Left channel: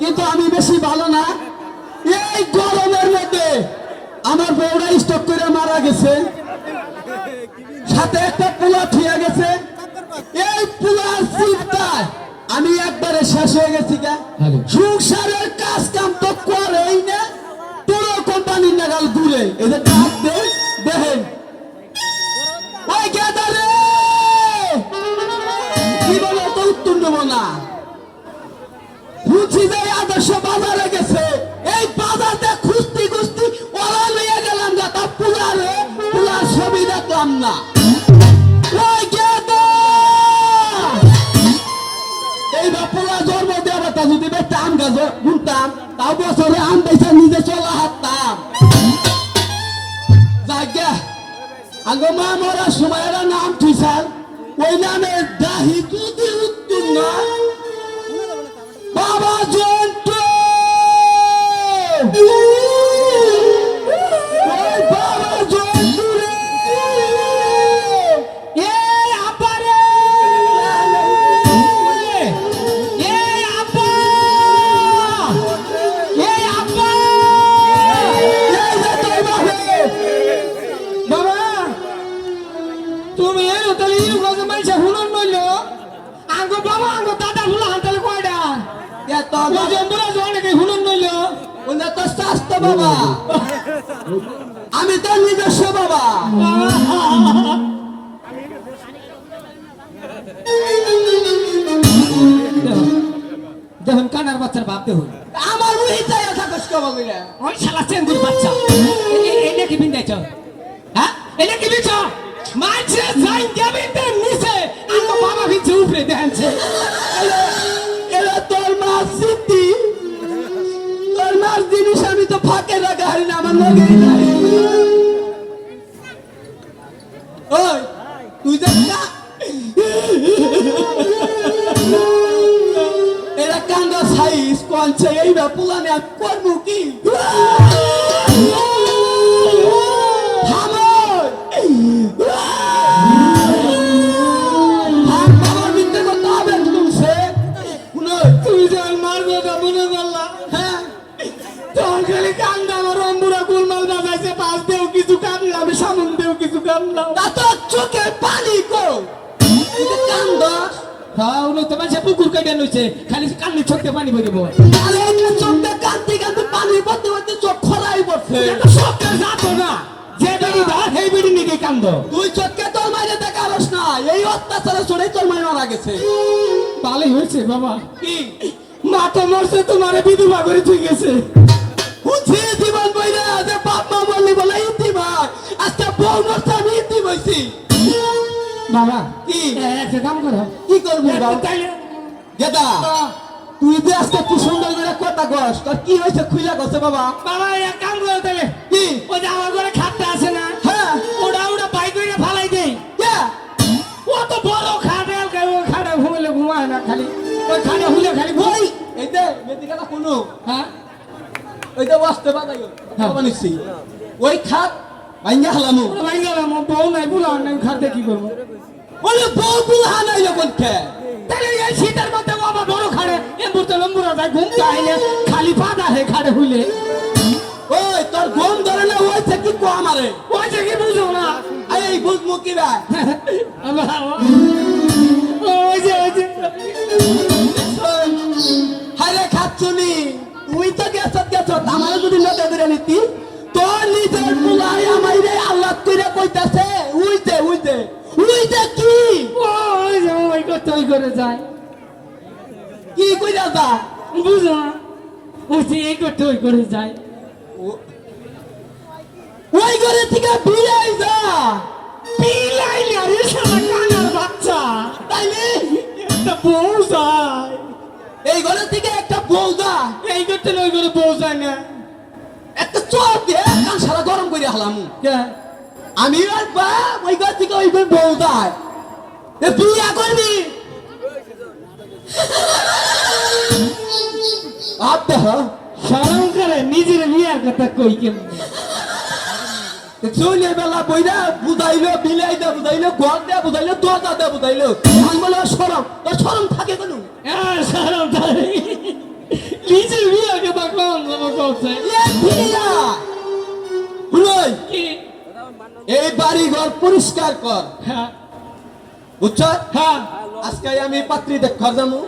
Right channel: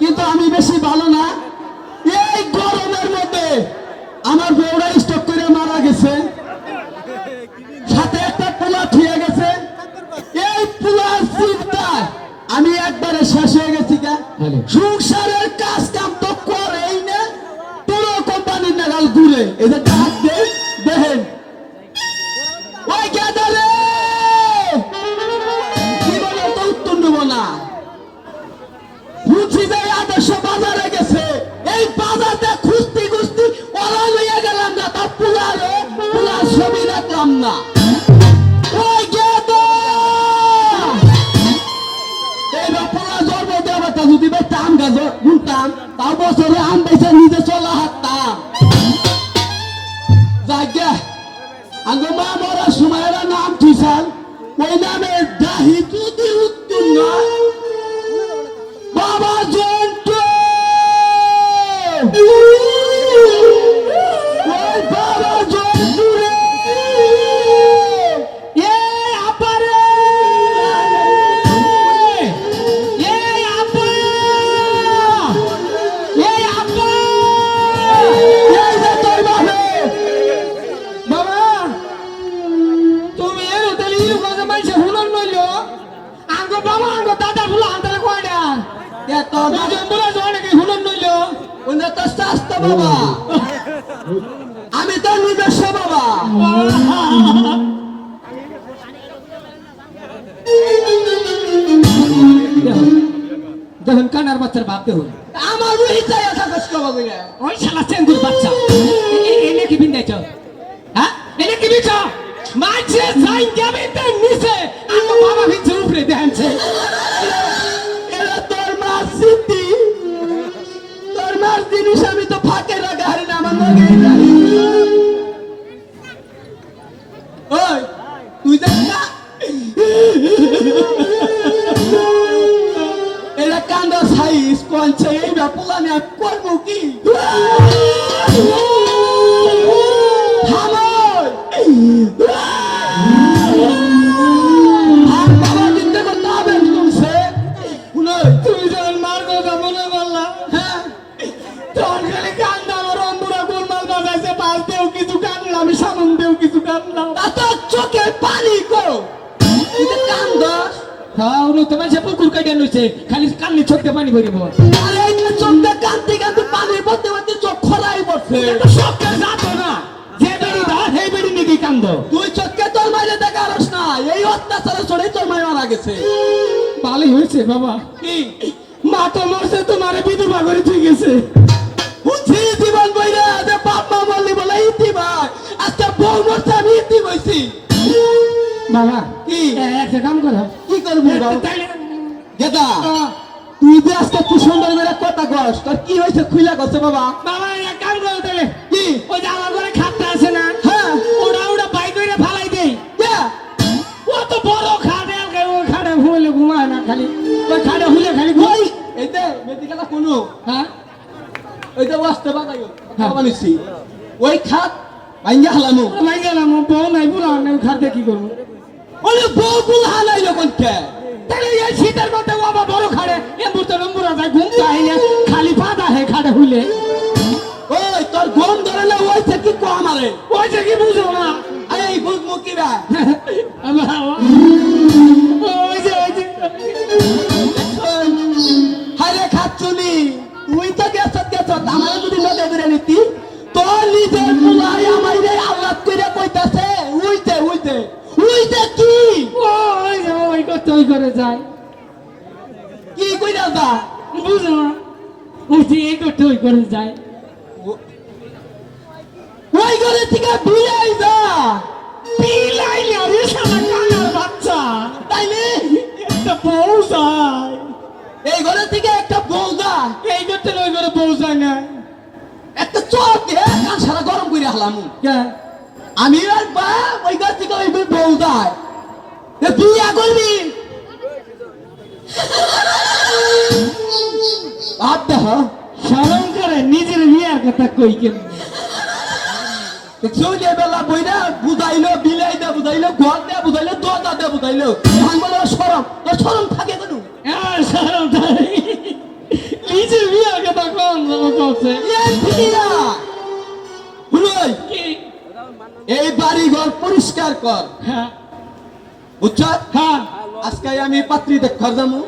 কিন্তু আমি বেশি ভালো না। এই গরমের মধ্যে আমার বউরা স্টক করে মারা গেছে, সাথে একটা পোলা ঠিয়া গেছে। এই পোলার চিন্তায় আমি একবারে শেষ হয়ে গেছি। সংসারের কাজ কাম তো করেই না, পুরো কোম্পানির নাগাল দূরে। এই যে ডাক দেখেন ওই গেদারে কি বলে তো উত্তর নেবো না। বুঝি যে আদর্শ বাজারে গেছে, এই বাজারটা খুঁজতে খুঁজতে ওরা নিয়ে গেলাম না, তা পুলার ছবি দেখলাম না। ওই গেদা এইবার পুলা জন্ম দেওয়া তা যদি ভাই টান গাছ গুনতাম, তাও বছরে আম পয়সা নিজে চলা হাঁটতাম। জায়গা আগে মা মরার সময় এরা নাম ঠিসাল, ওই নামের দাহি যদি উত্তীর্ণ বাবা জন্টু। ওই বাবা জন্টু রে, এই আপা রে, এই আপা, এই আপা, এই যে তোর বাবা। বাবা তুমি এর তাহলে ইলু গাছে মাইছে হুনন নইল আঙ্গো বাবা আঙ্গো দাদা হুলা আনতালে কয়টা এত জম্বুরা জয়নাকে হুনন নইল ওনে তো শাস্ত বাবা, আমি তো নিজস্ব বাবা। দেখুন কানার বাচ্চার বাপ দেখুন, আমার ওই চাই কথা কষ্ট হবে না। ওই শালা চেঙ্গুর বাচ্চা এনে কি বিন্দাইছ, হ্যাঁ এনে কি বিছ মাঝে যাই যাবে তো নিচে আমার বাবা ভিতরে উপরে দেখাচ্ছে। এরা তোর মার স্মৃতি, তোর মার জিনিস আমি তো ফাঁকে রাখা হারি না, আমার লগেই নাই। ওই তুই দেখ না এরা কান্দা সাইজ কোনছে এই না পুলানে করবো কি। পুকুর কাটিয়ে নিচ্ছে খালি কান্নি চোখে পানি ভরিব। আরে চোখটা কান্দি কান্দি পানির পড়তে পড়তে চোখ খরাই পড়ছে। সবটা জাতো না যে বেড়ি ধর সেই বেড়ি নাকি কান্দ। তুই চোখকে তোর মাঝে দেখারস না, এই অত্যাচারে চড়ে তোর মায় মারা গেছে। ভালোই হয়েছে বাবা, কি মা তো মরছে তোমারে বিধবা করে ঠিক গেছে। বুঝি জীবন বইরা যে বাপ মা বললি বলে ইতি ভাই, আজকে বউ মরছে আমি ইতি বইছি। বাবা কি একটা কাম করো, কি করবি বাবা? গেদা তুই যে আজকে কি সুন্দর করে কথা কস, তোর কি হয়েছে খুইলা গেছে বাবা? বাবা এক কাম করো তাহলে, কি ওই যে আমার ঘরে খাটটা আছে না, হ্যাঁ ওটা ওটা বাই করে ফালাই দেই। কত বড় খাটে খাটে হুলে ঘুমায় না, খালি ওই খাটে হুলে খালি ঘুমাই। এই যে মেদিকাটা কোনো হ্যাঁ ওই যে বসতে বাজাই বানিয়েছি ওই খাট ভাঙ্গা হালামু বউ নাই বুড়া খাটে কি করবো? বলে বউ বুড়া নাই যখন খে তাহলে এই শীতের মধ্যে বাবা বড় খাড়ে এমবুতে লম্বুরা যায় ঘুম যায় না, খালি পাদা হে খাড়ে হুলে। ওই তোর ঘুম ধরে না ওই থেকে কো আমারে ওই থেকে বুঝো না, এই বুঝমু কি রে হাইরে খাচ্ছুনি তুই তো গেছ আমার যদি নদে ধরে নিতি তোর নিজের মুলাই আমাইরে আল্লাহ করে কইতাছে উইতে উইতে উইতে কি ওই করতে ওই করে যায় কি কইরা দা বুঝো উঠি এই করতে ওই করে যায় ওই করে থেকে বিলাই যা বিলাই না রে শালা কানার বাচ্চা তাইলে একটা বউ যায় এই ঘরে থেকে একটা বউ যায় এই করতে ওই করে বউ যায় না একটা চোখ দে কান সারা গরম করে হালাম আমি আর বা ওই ঘর থেকে ওই বউ যায় বিয়া করবি ভাবতে হ্যাঁ শরম করে নিজের বিয়ার কথা কই কেমন চলে বেলা বইরা বুঝাইলো বিলাই দা বুঝাইলো ঘর দেয়া বুঝাইলো দরজা দেয়া বুঝাইলো শরম থাকে কোনো শরম থাকে নিজে এই বাড়ি ঘর পরিষ্কার কর, হ্যাঁ বুঝছ? হ্যাঁ আজকে আমি পাত্রী দেখবার যাবো।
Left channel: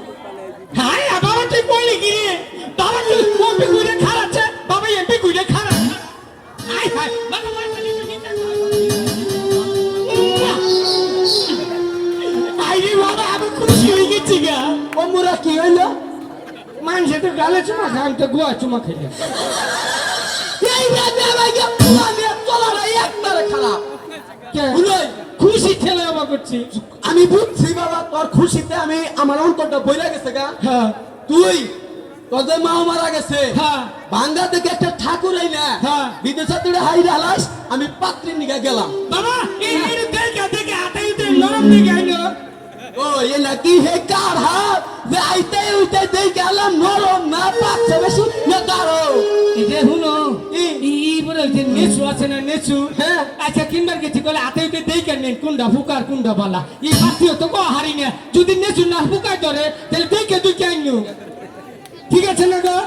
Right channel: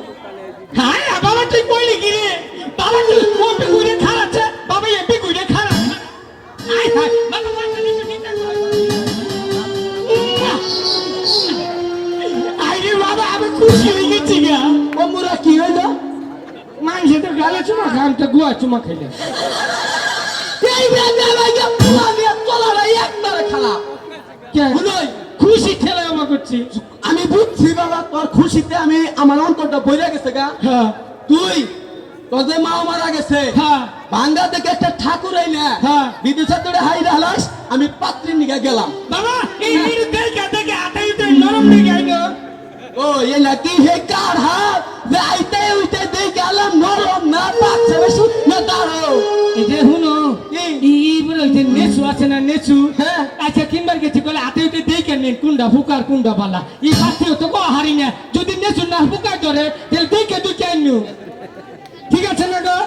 হ্যাঁ বাবা তুই কইলি কি রে? বাবা তুই মোটে কইরে খারাচ্ছে, বাবা এপে কইরে খারাচ্ছে। আয় হায় বাবা মাইনে নিতে আইরে বাবা আমি খুশি হয়ে গেছি গা। ও মুরা কি হইলো? মানুষে তো গালে চুমা খান তো গুয়া চুমা খাইলে। এই মেয়ে ভাইকে পোলা নিয়ে চলাটা একবারে খারাপ। বুঝলি? খুশি ঠেলে আমা করছি। আমি বুঝছি বাবা, তোর খুশিতে আমি আমার অন্তরটা বইরা গেছে গা। হ্যাঁ তুই তোর যে মা মারা গেছে, হ্যাঁ ভাঙ্গা থেকে একটা ঠাকুর আইনা হ্যাঁ। বিদেশে তোরে হাইরা হালাস, আমি পাত্রীর নিকে গেলাম। বাবা এই দেখে দেখে আটাইতে নরম দেখে আইলো। ও এ নাকি হে কার হাত যে আইতে উইতে দেখে আলাম নরম না পাচ্ছে বেশি না দাঁড়ো। এটা হুনো এই বলে যে নেছু আছে না নেছু, হ্যাঁ। আচ্ছা কিনবার গেছি বলে আটাইতে দেখে নেন কোনটা ফুকার কোনটা বালা। এই শাস্তিও তো কো হারি না, যদি নেছু না ফুকার ধরে তাহলে দেখে তুই কেন? ঠিক আছে না গো?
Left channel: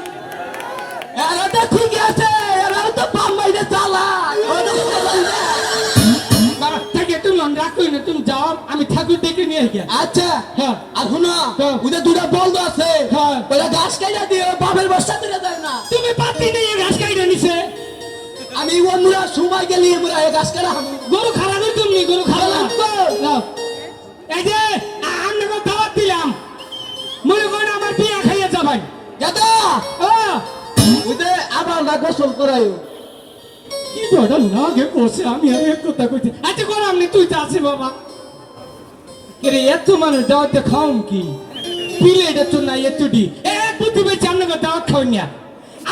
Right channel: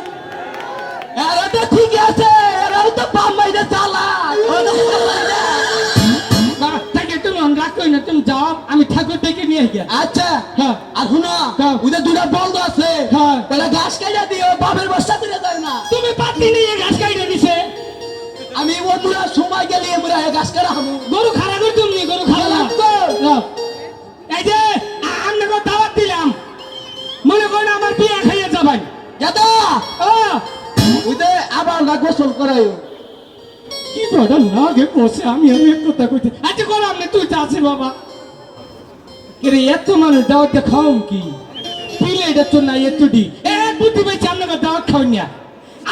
এরা তো ঠিক আছে, এরা তো পাম্বাইতে চালায়। বাবা থাকে তুমি রাগ করি না, তুমি যাও আমি ঠাকুর দেখে নিয়ে গিয়া। আচ্ছা হ্যাঁ আর হুনা হ্যাঁ। ওদের দুটা বলদ আছে, হ্যাঁ। ওরা ঘাস খাইয়া দিও, বাপের বস্তা দিলে যায় না। তুমি পাতি নিয়ে ঘাস খাইতে নিছে। আমি ওমরা সময় গেলি আমরা এই ঘাস কাটা আমি গরু খারা করে তুমি গরু খাওয়া গেলাম তো। এই যে আপনাকে দাওয়াত দিলাম, মনে করেন আমার বিয়ে খাইয়া যাবেন। গেদা ও ওদের আবার না গোসল করাই। কি কথা না গে বসে আমি এক কথা কইতে আচ্ছা করলাম না, তুই যাচ্ছি বাবা। এরে এত মানুষ দাওয়াত দিয়ে খাওয়াম কি পিলে এটা তো না এত ডি এক বুদ্ধি পেয়েছি আপনাকে দাওয়াত খাওয়ান না।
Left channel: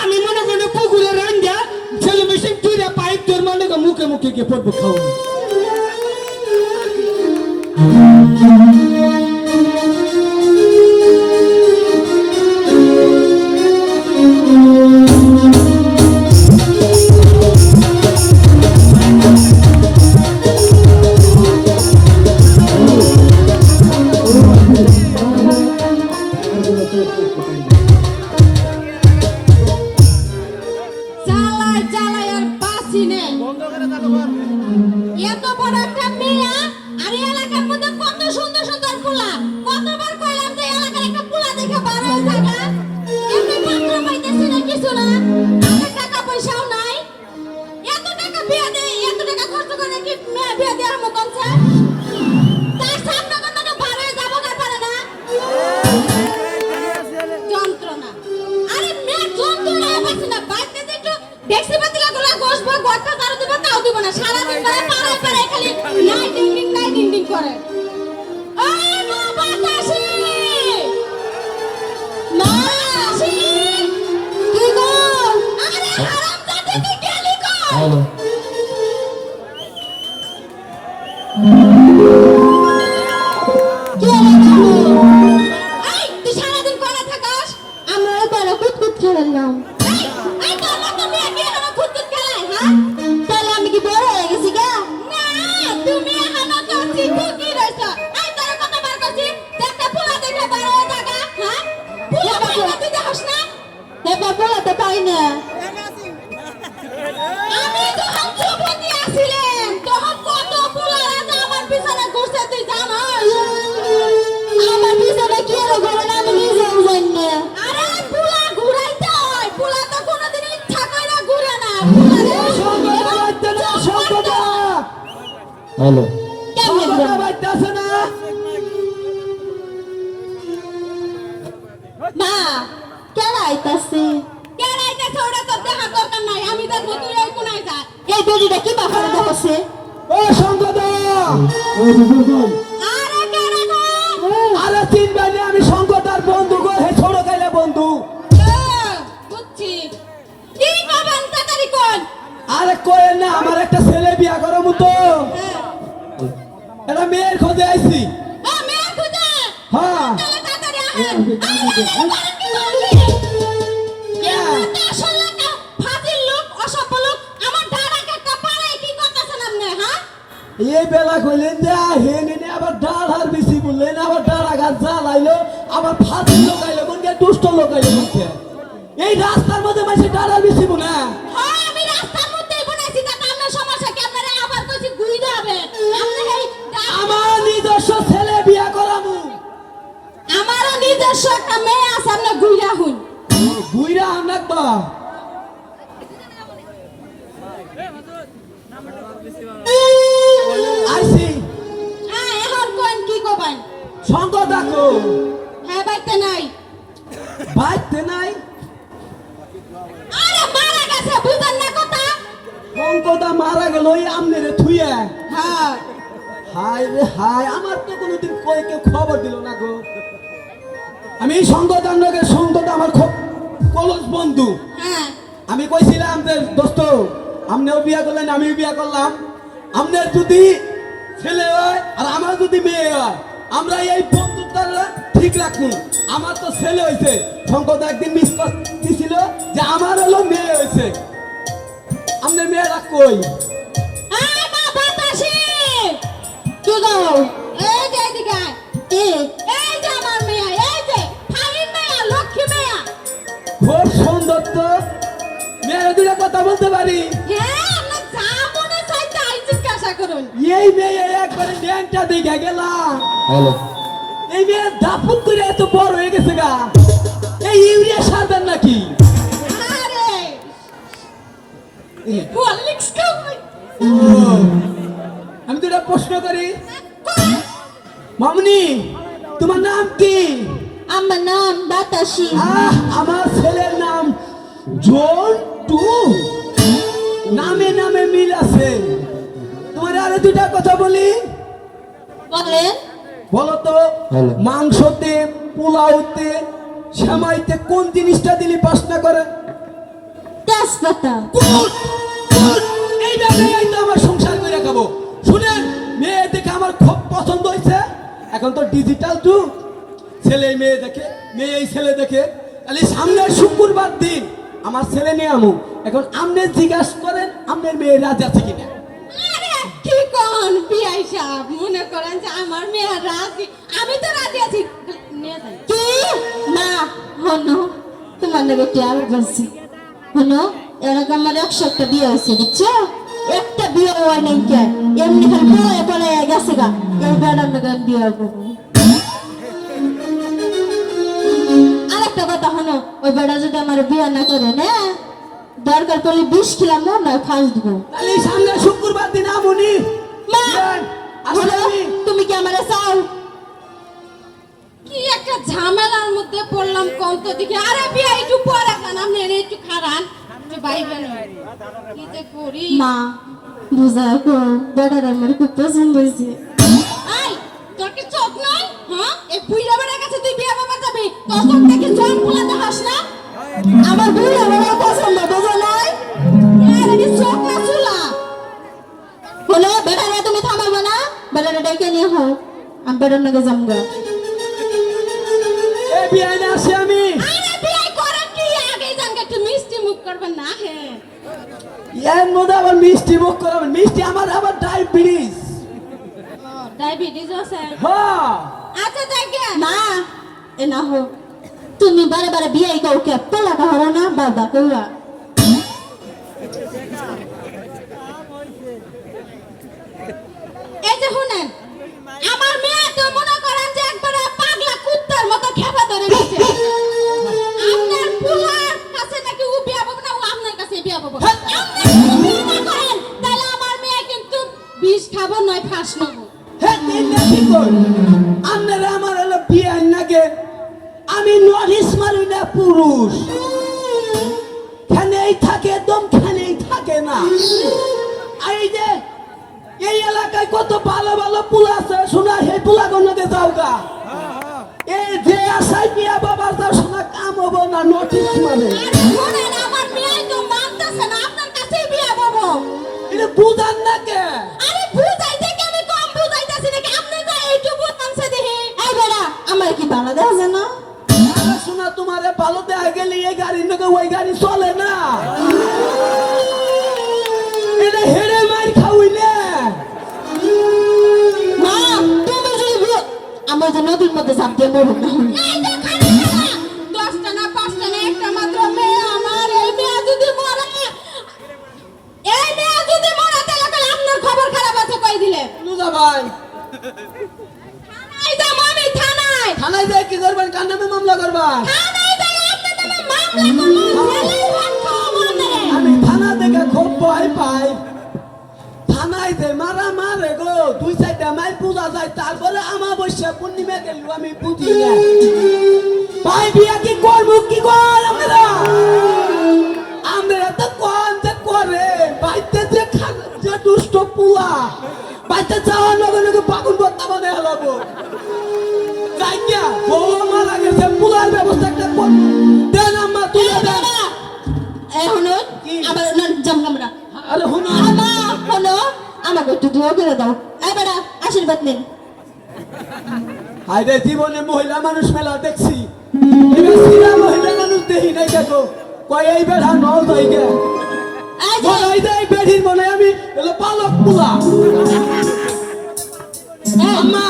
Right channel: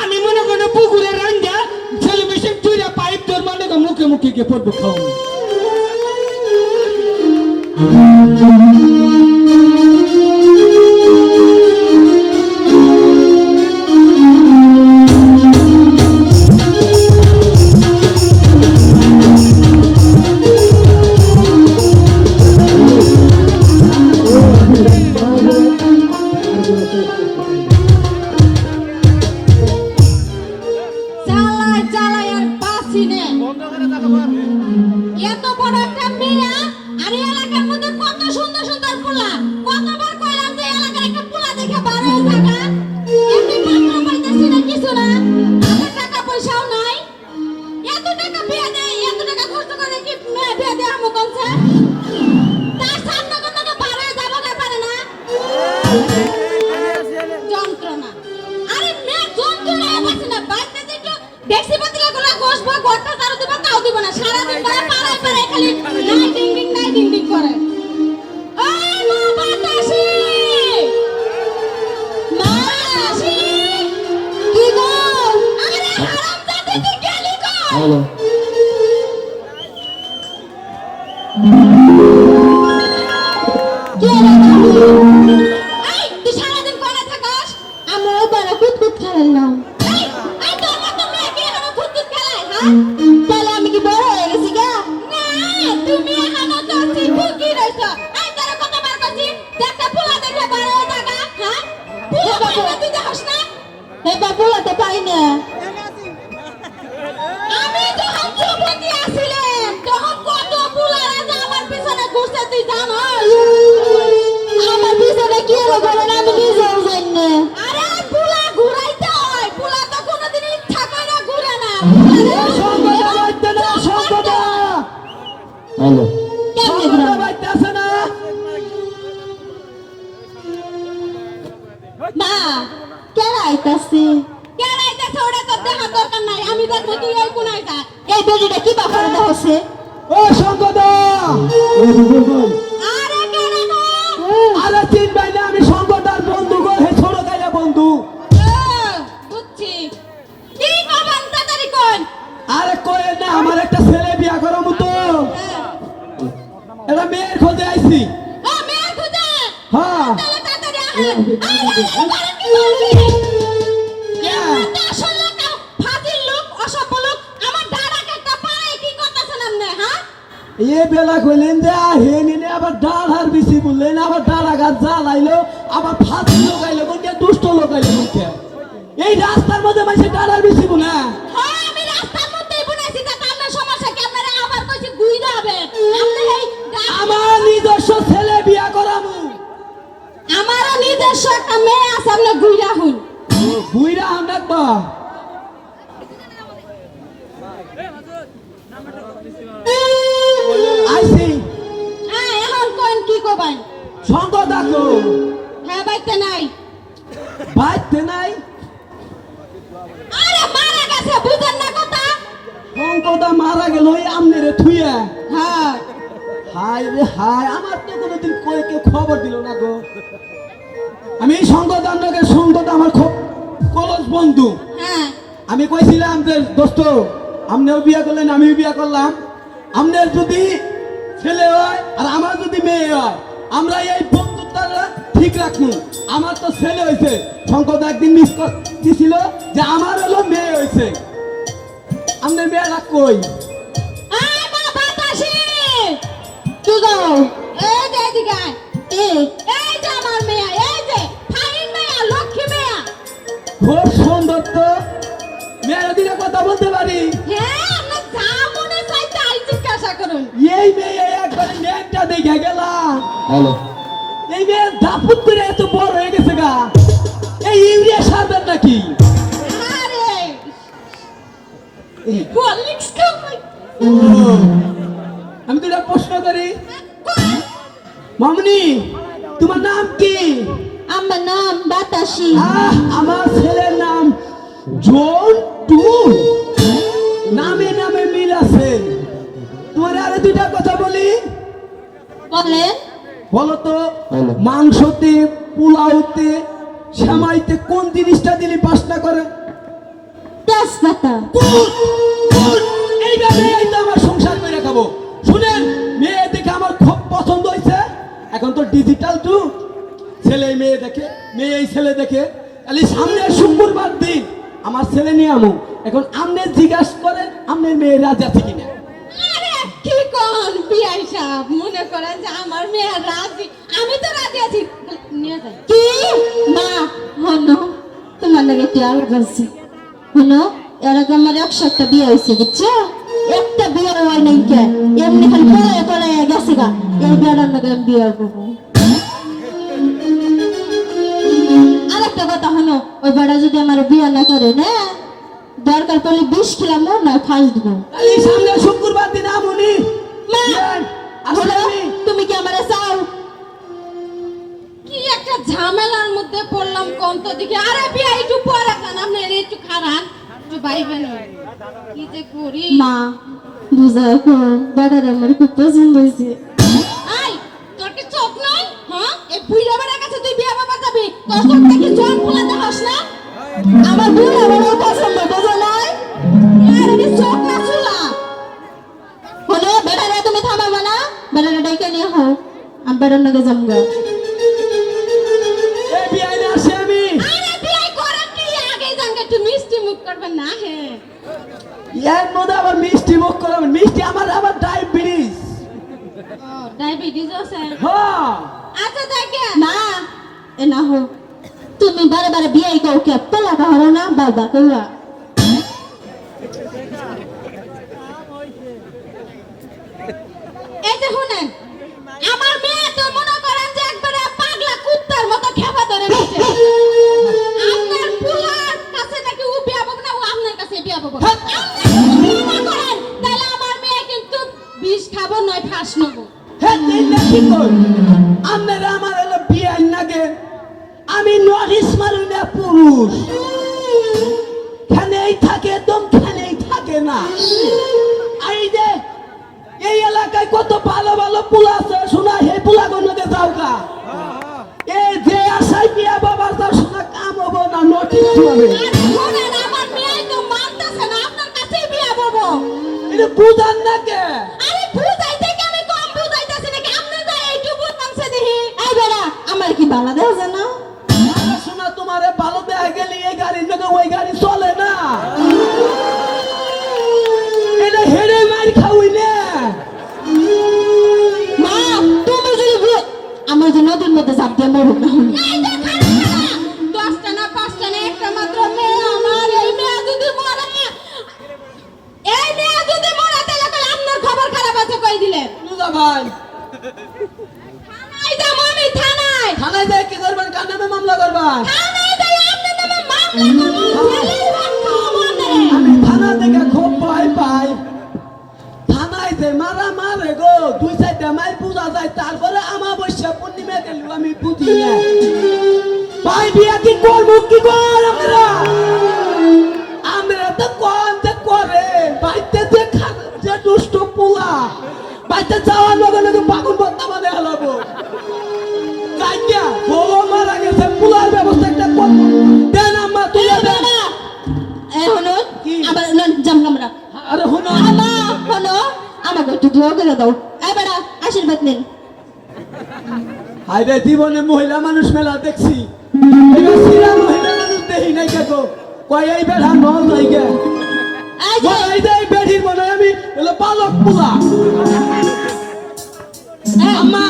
আমি মনে করেন পুকুরে রাঙ্গা ছেলে মেশিন তুইরা পাইপ তোর মানে মুখে মুখে গিয়ে পড়বো খাওয়ান। চালাই চালাই আর বাসি নে এত বড় একটা মেয়া আর এই এলাকার মধ্যে কত সুন্দর সুন্দর পোলা, কতবার কইলাম যে এলাকার একটা পোলা দেখে বার হয়ে থাকা, এমনি পাত্র পাইতেছি না কিছু না, হাতে টাকা পয়সাও নাই, এত টাকা বিয়া দেয়, এত টাকা খরচ করে কি মেয়ে বিয়া দেওয়ার মতন স্যার? তার সামনে কোনো বার হয়ে যাবো না পারে না যন্ত্রণা। আরে মেয়ে যন্ত্রণা পাইছে না, বাইতে যে একটু দেখছি পাতিলা গুলা বসবো, ঘরটা ঝাড়ু দেবো, তাও দিব না, সারাদিন ধরে পাড়ায় পাড়ায় খালি নাই ডিং ডিং করে। ওরে মা বাতাসি, মাসি, কি গো? আরে হারামজাদা তুই গেলি কই? হ্যালো কে রে তুমি? এই, তুই সারাদিন পড়ে থাকস? আমরা ওই পাড়া কুতকুত খেলাম। এই তোর মতো মেয়ে কি এখনো কুতকুত খেলায়, হ্যাঁ? তাহলে আমি কি বড় হয়ে গেছি গা? না, তুমি এখনো তো ঠিকই রইছো। এই তোরে কতবার কইছি, দেখটা পোলা দেখে বড় হয়ে থাকা, হ্যাঁ? পোলা পাইবা তুই দেখস না? এবার পোলা তো পাই না। আমি যখন যুবতী আছিলাম, তখন কত পোলারা যে আমার পিছনে ঘুরছে তুই জানোস? আমার পিছনে কি এর ঘোরে না আমি নিজেও জানি না। আরে পোলা ঘুরাইতে হয়, পোলা তো কোনোদিন ইচ্ছা কইরা ঘুরে না। হ্যালো কেমনে ঘুরে? বাইতেছে না। মা, কেন আইতাছে? কেন আইতাছে ওটা তো দেখার দরকার নাই, আমি দেখবো তুই ওই কোনায় যা। এই বেডিটা কি বাফার দেখাচ্ছে? ও সঙ্গদা, আরে কেন না? আরে তিন ভাই না, আমি সঙ্গদার বন্ধু গো, হে ছোট গাইলা বন্ধু। বুঝছি। কি করবেন তাড়াতাড়ি কোন? আরে কই না, আমার একটা ছেলে বিয়া করার মতো, এরা মেয়ের খোঁজে আইছি। মেয়ে খুঁজে। হ্যাঁ তাহলে তাড়াতাড়ি আহেন। আসলে একটা ফাজিল লোক, অসভ্য লোক, আমার দাদাকে একটা পাড়ায় কি করতেছেন আপনি, হ্যাঁ? এ বেলা কইলেন যে হে নিনে আবার ডাল হার বেশি বললেন, আবার ডালা গাছ জ্বালাইলো, আবার ফাঁসি লোকাইলো, মনকে দুষ্ট লোকাইলো মুখে। এই রাস্তার মধ্যে মাসে ডাল হার বেশি বলে। হ্যাঁ, আমি রাস্তার মধ্যেই বনাইছি, যাতে আপনার সমস্যা কি আপনারা আবার কইছি আইসি এখন কোন কি কবেন সঙ্গ দেখো হ্যাঁ বাইতে নাই বাইতে নাই আরে মারা গেছে বুঝেন না কথা সঙ্গটা মারা গেল ওই আমনেরে থুইয়া হ্যাঁ হায় রে হায় আমার তো কোনোদিন কই কেউ খবর দিল না গো আমি এই সঙ্গদানকে সঙ্গটা আমার খুব কলস বন্ধু হ্যাঁ আমি কইছিলাম যে দোস্ত আপনিও বিয়ে করলেন আমিও বিয়ে করলাম আপনার যদি ছেলে হয় আর আমার যদি মেয়ে হয় আমরা এই বন্ধুত্বটা ঠিক রাখুন আমার তো ছেলে হয়েছে শঙ্কর একদিন মিস দিছিল যে আমার হলো মেয়ে হয়েছে আপনার মেয়েরা কই আয় মা বাতাসে কি গো এই যে এদিকে আয়। এই যে আমার মেয়ে এই যে ফাইন মেয়ে লক্ষ্মী মেয়ে খুব সুন্দর তো মেয়েরা দুটা কথা বলতে পারি হ্যাঁ আমরা যা মনে চাই তাই জিজ্ঞাসা করুন এই মেয়ে একবারে মেয়েটা দেখে গেলাম হ্যালো এই মেয়ে দাপুত করে এত বড় হয়ে গেছে গা এই ইউরিয়া সার দেন নাকি আরে হরলিক্স খাওয়াই আমি তোরা প্রশ্ন করি মামনি তোমার নাম কি আমার নাম বাতাসি আমার ছেলের নাম জন্টু নামে নামে মিল আছে তোমার আরে দুইটা কথা বলি বলেন বলো তো বলো। মাংসতে পোলাওতে সেমাইতে কোন জিনিসটা দিলি পাসনা করে তেজপাতা এইভাবে এইটা আমার সংসার করে খাবো শুনেন মেয়ে দেখে আমার খুব পছন্দ হয়েছে এখন তো ডিজিটাল যুগ ছেলে মেয়ে দেখে মেয়ে এই ছেলে দেখে তাহলে সামনে শুক্রবার দিন আমার ছেলে নিয়ে আমু এখন আপনি জিজ্ঞাসা করেন আপনার মেয়ে রাজি আছে কিনা আরে কি কোন বিয়াই সাহেব মনে করেন যে আমার মেয়ে রাজি আমি তো রাজি আছি নিয়ে যাই কি না হনো তোমার লাগে কি আলো বলছি হনো এরকম আমার 100টা বিয়ে হয়েছে বুঝছো একটা বিয়ে হয় নাই কে এমনি খালি পড়ে পড়ে গেছে গা এই বেড়ার নাকি বিয়ে করবো আরেকটা কথা হনো ওই বেড়া যদি আমার বিয়ে না করে না দরকার পড়লে 20 কিলো মোর না খাস দেবো তাহলে সামনে শুক্রবার দিন আমুনি মা আসলে আমি তুমি কি আমারে চাও কি একটা ঝামেলার মধ্যে পড়লাম কোন তো দিকে আরে বিয়া একটু পরে খান আপনি এনে একটু খারাপ একটু বাইবেন কি যে করি মা বুঝা কো বেড়ার আমার খুব পছন্দ হয়েছে আই তোর কি চোখ নাই হ্যাঁ এই বুইড়া বেড়ার কাছে তুই বিয়া বাবা যাবি তোর চোখ দেখি জন ফুলা দেখাস না আমার বুইড়া বেড়ার পছন্দ বোঝা নাই আরে কি চোখ না চুলা হলো বেড়ারে তুমি থামাবে না বেড়ারে ডেকে নিয়ে হোক আমি বেড়ার নাকি জমগা এই বিয়ে না আসি আমি আরে বিয়ে করেন কি আগে জানকে একটু মিষ্টি মুখ করবেন না হ্যাঁ এর মধ্যে আবার মিষ্টি মুখ করাবেন মিষ্টি আমার আবার ডায়াবেটিস ও ডায়াবেটিস আছে হ্যাঁ আচ্ছা দেখে মা এ না হো তুমি বারে বারে বিয়ে কাউকে পেলা কাহরা না বাবা কইরা এই যে শুনেন আমার মেয়ে তো মনে করেন যে একবারে পাগলা কুত্তার মতো খেপা ধরে গেছে আপনার পুলার কাছে নাকি ও বিয়া পাবো না ও আপনার কাছে বিয়া পাবো তাহলে আমার মেয়ে কিন্তু বিষ খাবো নয় ফাঁস নেবো হ্যাঁ এই না কি কই আপনারা আমার হলো বিয়ে নাগে আমি নরিস মারুই না পুরুষ খেনেই থাকে দম খেনেই থাকে না এই যে এই এলাকায় কত ভালো ভালো পুলা আছে শোনা হে পুলা গণকে যাও গা এই যে আশাই বিয়া বাবা যাও শোনা কাম হবো না নোটিস হবে আরে শুনেন আমার মেয়ে তো মানতেছে না আপনার কাছে বিয়া পাবো এটা বুঝান না কে আরে বুঝাইতে কি আমি কম বুঝাইতেছি নাকি আপনি যা এইটুকু কামছে দেখি এই বেড়া আমার কি ভালো দেখাছে না আরে শোনা তোমারে ভালো দেয়া গেলে এই গাড়ি নাকি ওই গাড়ি চলে না এটা হেরে মার খাওয়াই না মা তুমি যদি আমি যে নদীর মধ্যে ঝাঁপ দিয়ে মরুক না এই তো খারাপ না 10টা না 5টা না একটা মাত্র মেয়ে আমার এই মেয়ে যদি মরে তাহলে আপনার খবর খারাপ আছে কই দিলে লুজা ভাই থানায় যাবো আমি থানায় থানায় যাই কি করবেন কান্নামে মামলা করবেন থানায় যাই আপনি মামলা করুন ভয় পায় থানায় যে মারা মারে গো 2-4টা মাই পূজা যায় তারপরে আমাবস্যা পূর্ণিমা গেল আমি বুঝি না ভাই বিয়া কি করবো কি কর আমরা তো কোন যে করে বাইতে যে যে দুষ্ট পোলা বাইতে যাওয়ার লগে লগে বাগুন বত্তা বাদে হালাবো যাইয়া বউ মারা গেছে পোলার ব্যবস্থা একটা কর দেন আম্মা তুলে দেন এই হলো কি? আবার না জানলাম না আরে হুনো হলো আমাকে একটু দোয়া করে দাও এই বেড়া আশীর্বাদ নিন আরে জীবনে মহিলা মানুষ মেলা দেখছি এবার সিরা মহিলা মানুষ দেখি নাই দেখো কয় এই বেড়া নল যাই গে এই যে এই যে এই বেড়ির মানে আমি এলো পালক পোলা আম্মা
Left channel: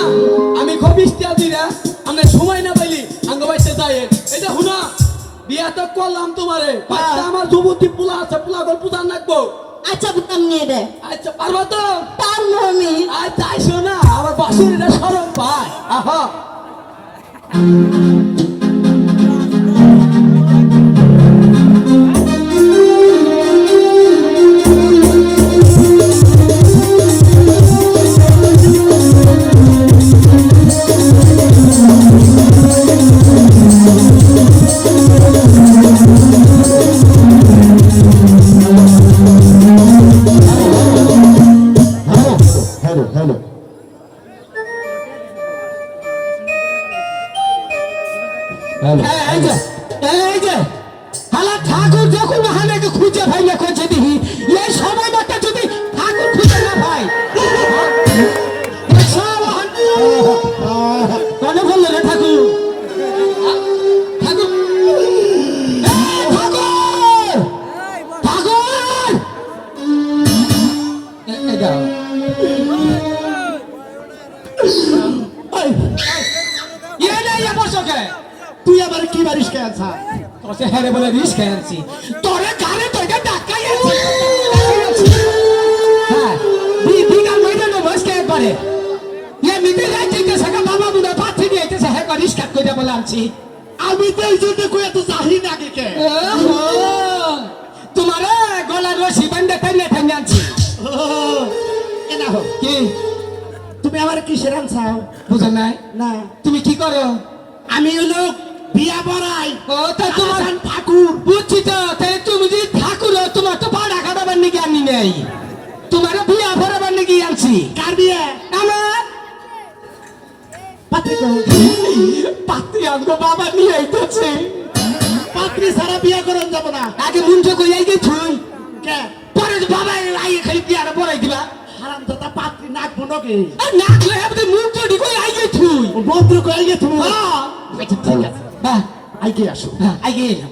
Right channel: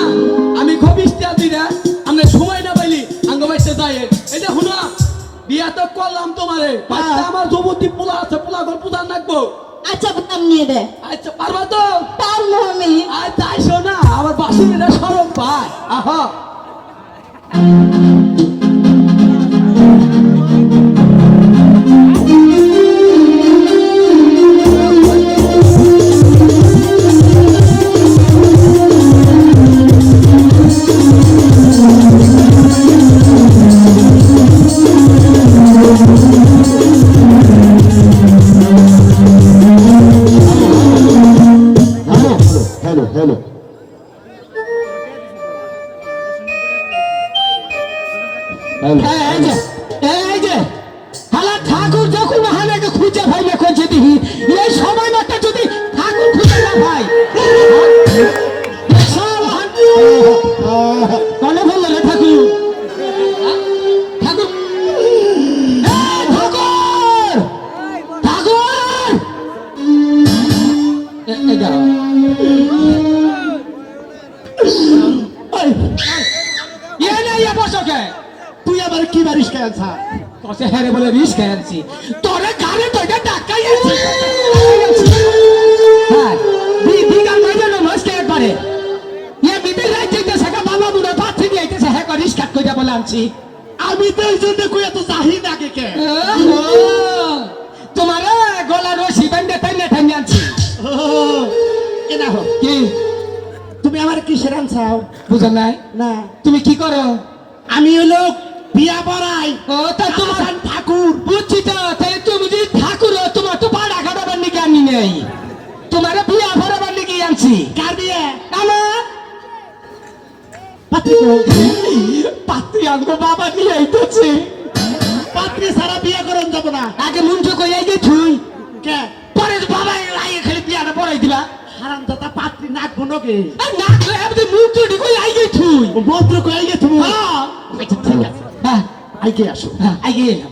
আমি খুব ইস্তিয়া দিই না আমরা সময় না পাইলি আঙ্গ বাইতে যাই এটা হুনো বিয়া তো করলাম তোমারে বাচ্চা আমার যুবতী পোলা আছে পোলা ঘর পূজা নাকবো আচ্ছা বুতাম নিয়ে দে আচ্ছা পারবা তো পারবো আমি আচ্ছা আইসো না আমার বাসুরিটা সরম পায় আহা Hello, hello. Hello. এই যে হালা ঠাকুর যখন হানাকে খুঁজে ভাই না খুঁজে দিহি এই সময় মাত্র যদি ঠাকুর খুঁজে না ভাই কনে বললো রে ঠাকুর ঠাকুর ঠাকুর এটা তুই আবার কি বারিশ খেলছা তোকে হ্যাঁ বলে রিস্ক খেয়েছি তোরে গানে তোকে ডাকাই আছে হ্যাঁ বিকাল মধ্যে নমস্কার একবারে ইয়ে মিটে যাইতে সেটা বাবা বুড়া পাত্রী নিয়ে আইতেছে হ্যাঁ রিস্ক কাট করে বলে আনছি আমি তো এই জন্য কই এত জাহি না কে তোমার গলা রশি বেঁধে টাইনে টাইনে আনছি এটা হোক কি তুমি আমার কিসের আনছাও বুঝো নাই না তুমি কি করো আমি হলো বিয়া বড়াই ও তা তোমার আমার ঠাকুর বুঝছি তো তাই তুমি যদি ঠাকুর হও, তোমার তো পাড়া কাটাবার নাকি আনি নেই তোমার বিয়া ভরাবার নাকি আনছি কার বিয়ে আমার পাত্রী কো পাত্রী আনবো বাবা নিয়ে আইতেছে পাত্রী সারা বিয়া করন যাব না আগে মুঞ্জ কই আই গেছুই কে পরে তো বাবা আই খালি বিয়াটা পড়াই দিবা হারাম দাদা পাত্রী নাক বনকে আর না কই আপনি মুঞ্জ কই আই গেছুই মন্ত্র কই গে তুমি হ্যাঁ আচ্ছা ঠিক আছে হ্যাঁ আইকে আসো হ্যাঁ আই গেলাম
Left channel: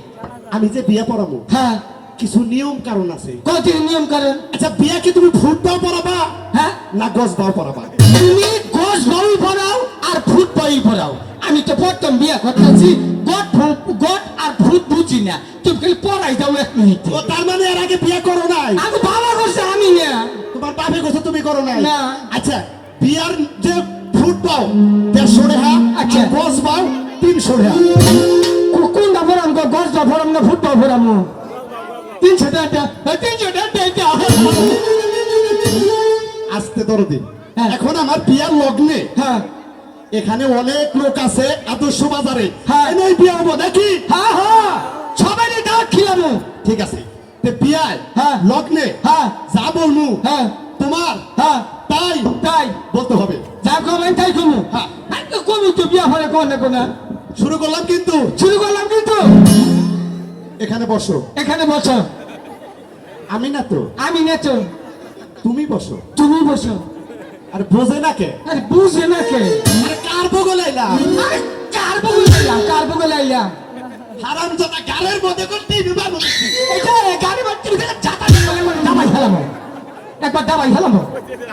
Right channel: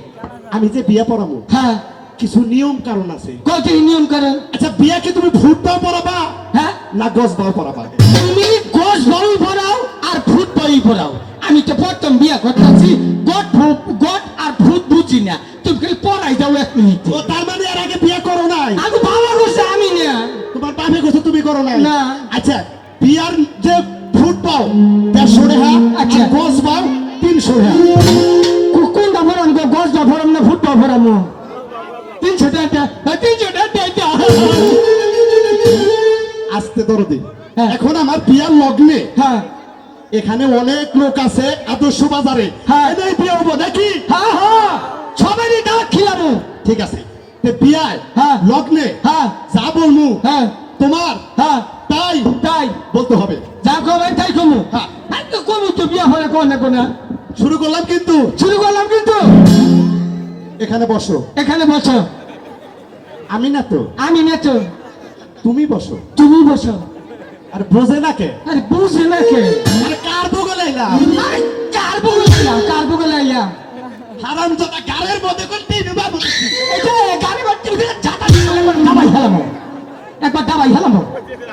আমি যে বিয়া পড়াবো হ্যাঁ কিছু নিয়ম কারণ আছে কত নিয়ম করেন আচ্ছা বিয়া কি তুমি ফুট দাও পড়াবা হ্যাঁ না গছ দাও পড়াবা তুমি গোস বই পড়াও আর ভূত বই পড়াও আমি তো প্রথম বিয়া করতেছি গট আর ভূত বুঝি না তুমি খালি পড়াই দাও 1 মিনিট ও তার মানে এর আগে বিয়া করো নাই আমি বাবা করছে আমি না তোমার বাপে কইছে তুমি করো নাই না। আচ্ছা বিয়ার যে ফুট পাও 150 টাকা আচ্ছা। আচ্ছা গছ পাও 300 টাকা কোনটা ভরাম গসটা ভরাম না ভূতটা ভরাম 300 টাকা 300 টাকা আস্তে দরদি হ্যাঁ। এখন আমার বিয়ার লগ্নে হ্যাঁ এখানে অনেক লোক আছে আদর্শ বাজারে হ্যাঁ। এনেই বিয়ে হবো নাকি হ্যাঁ হ্যাঁ সবারই দাওয়াত খিলামু ঠিক আছে তে বিয়ায় হ্যাঁ। লগ্নে হ্যাঁ যা বলমু হ্যাঁ তোমার হ্যাঁ তাই তাই বলতে হবে যা কবেন তাই কমু হ্যাঁ। তো কমু তো বিয়া হলে কোন না কোন শুরু করলাম কিন্তু শুরু করলাম কিন্তু এখানে বসো এখানে বসো আমি না তো আমি না তো তুমি বসো তুমি বসো আর বোঝে না কে আরে বুঝে না কে আরে কার বগলে এলাম আরে কার বগল আইলা হারাম দাদা গারের মধ্যে করে টিভি বাবু এটা গাড়ি বাড়তে যাতা দিলে দাবাই হেলামো একবার দাবাই হেলামো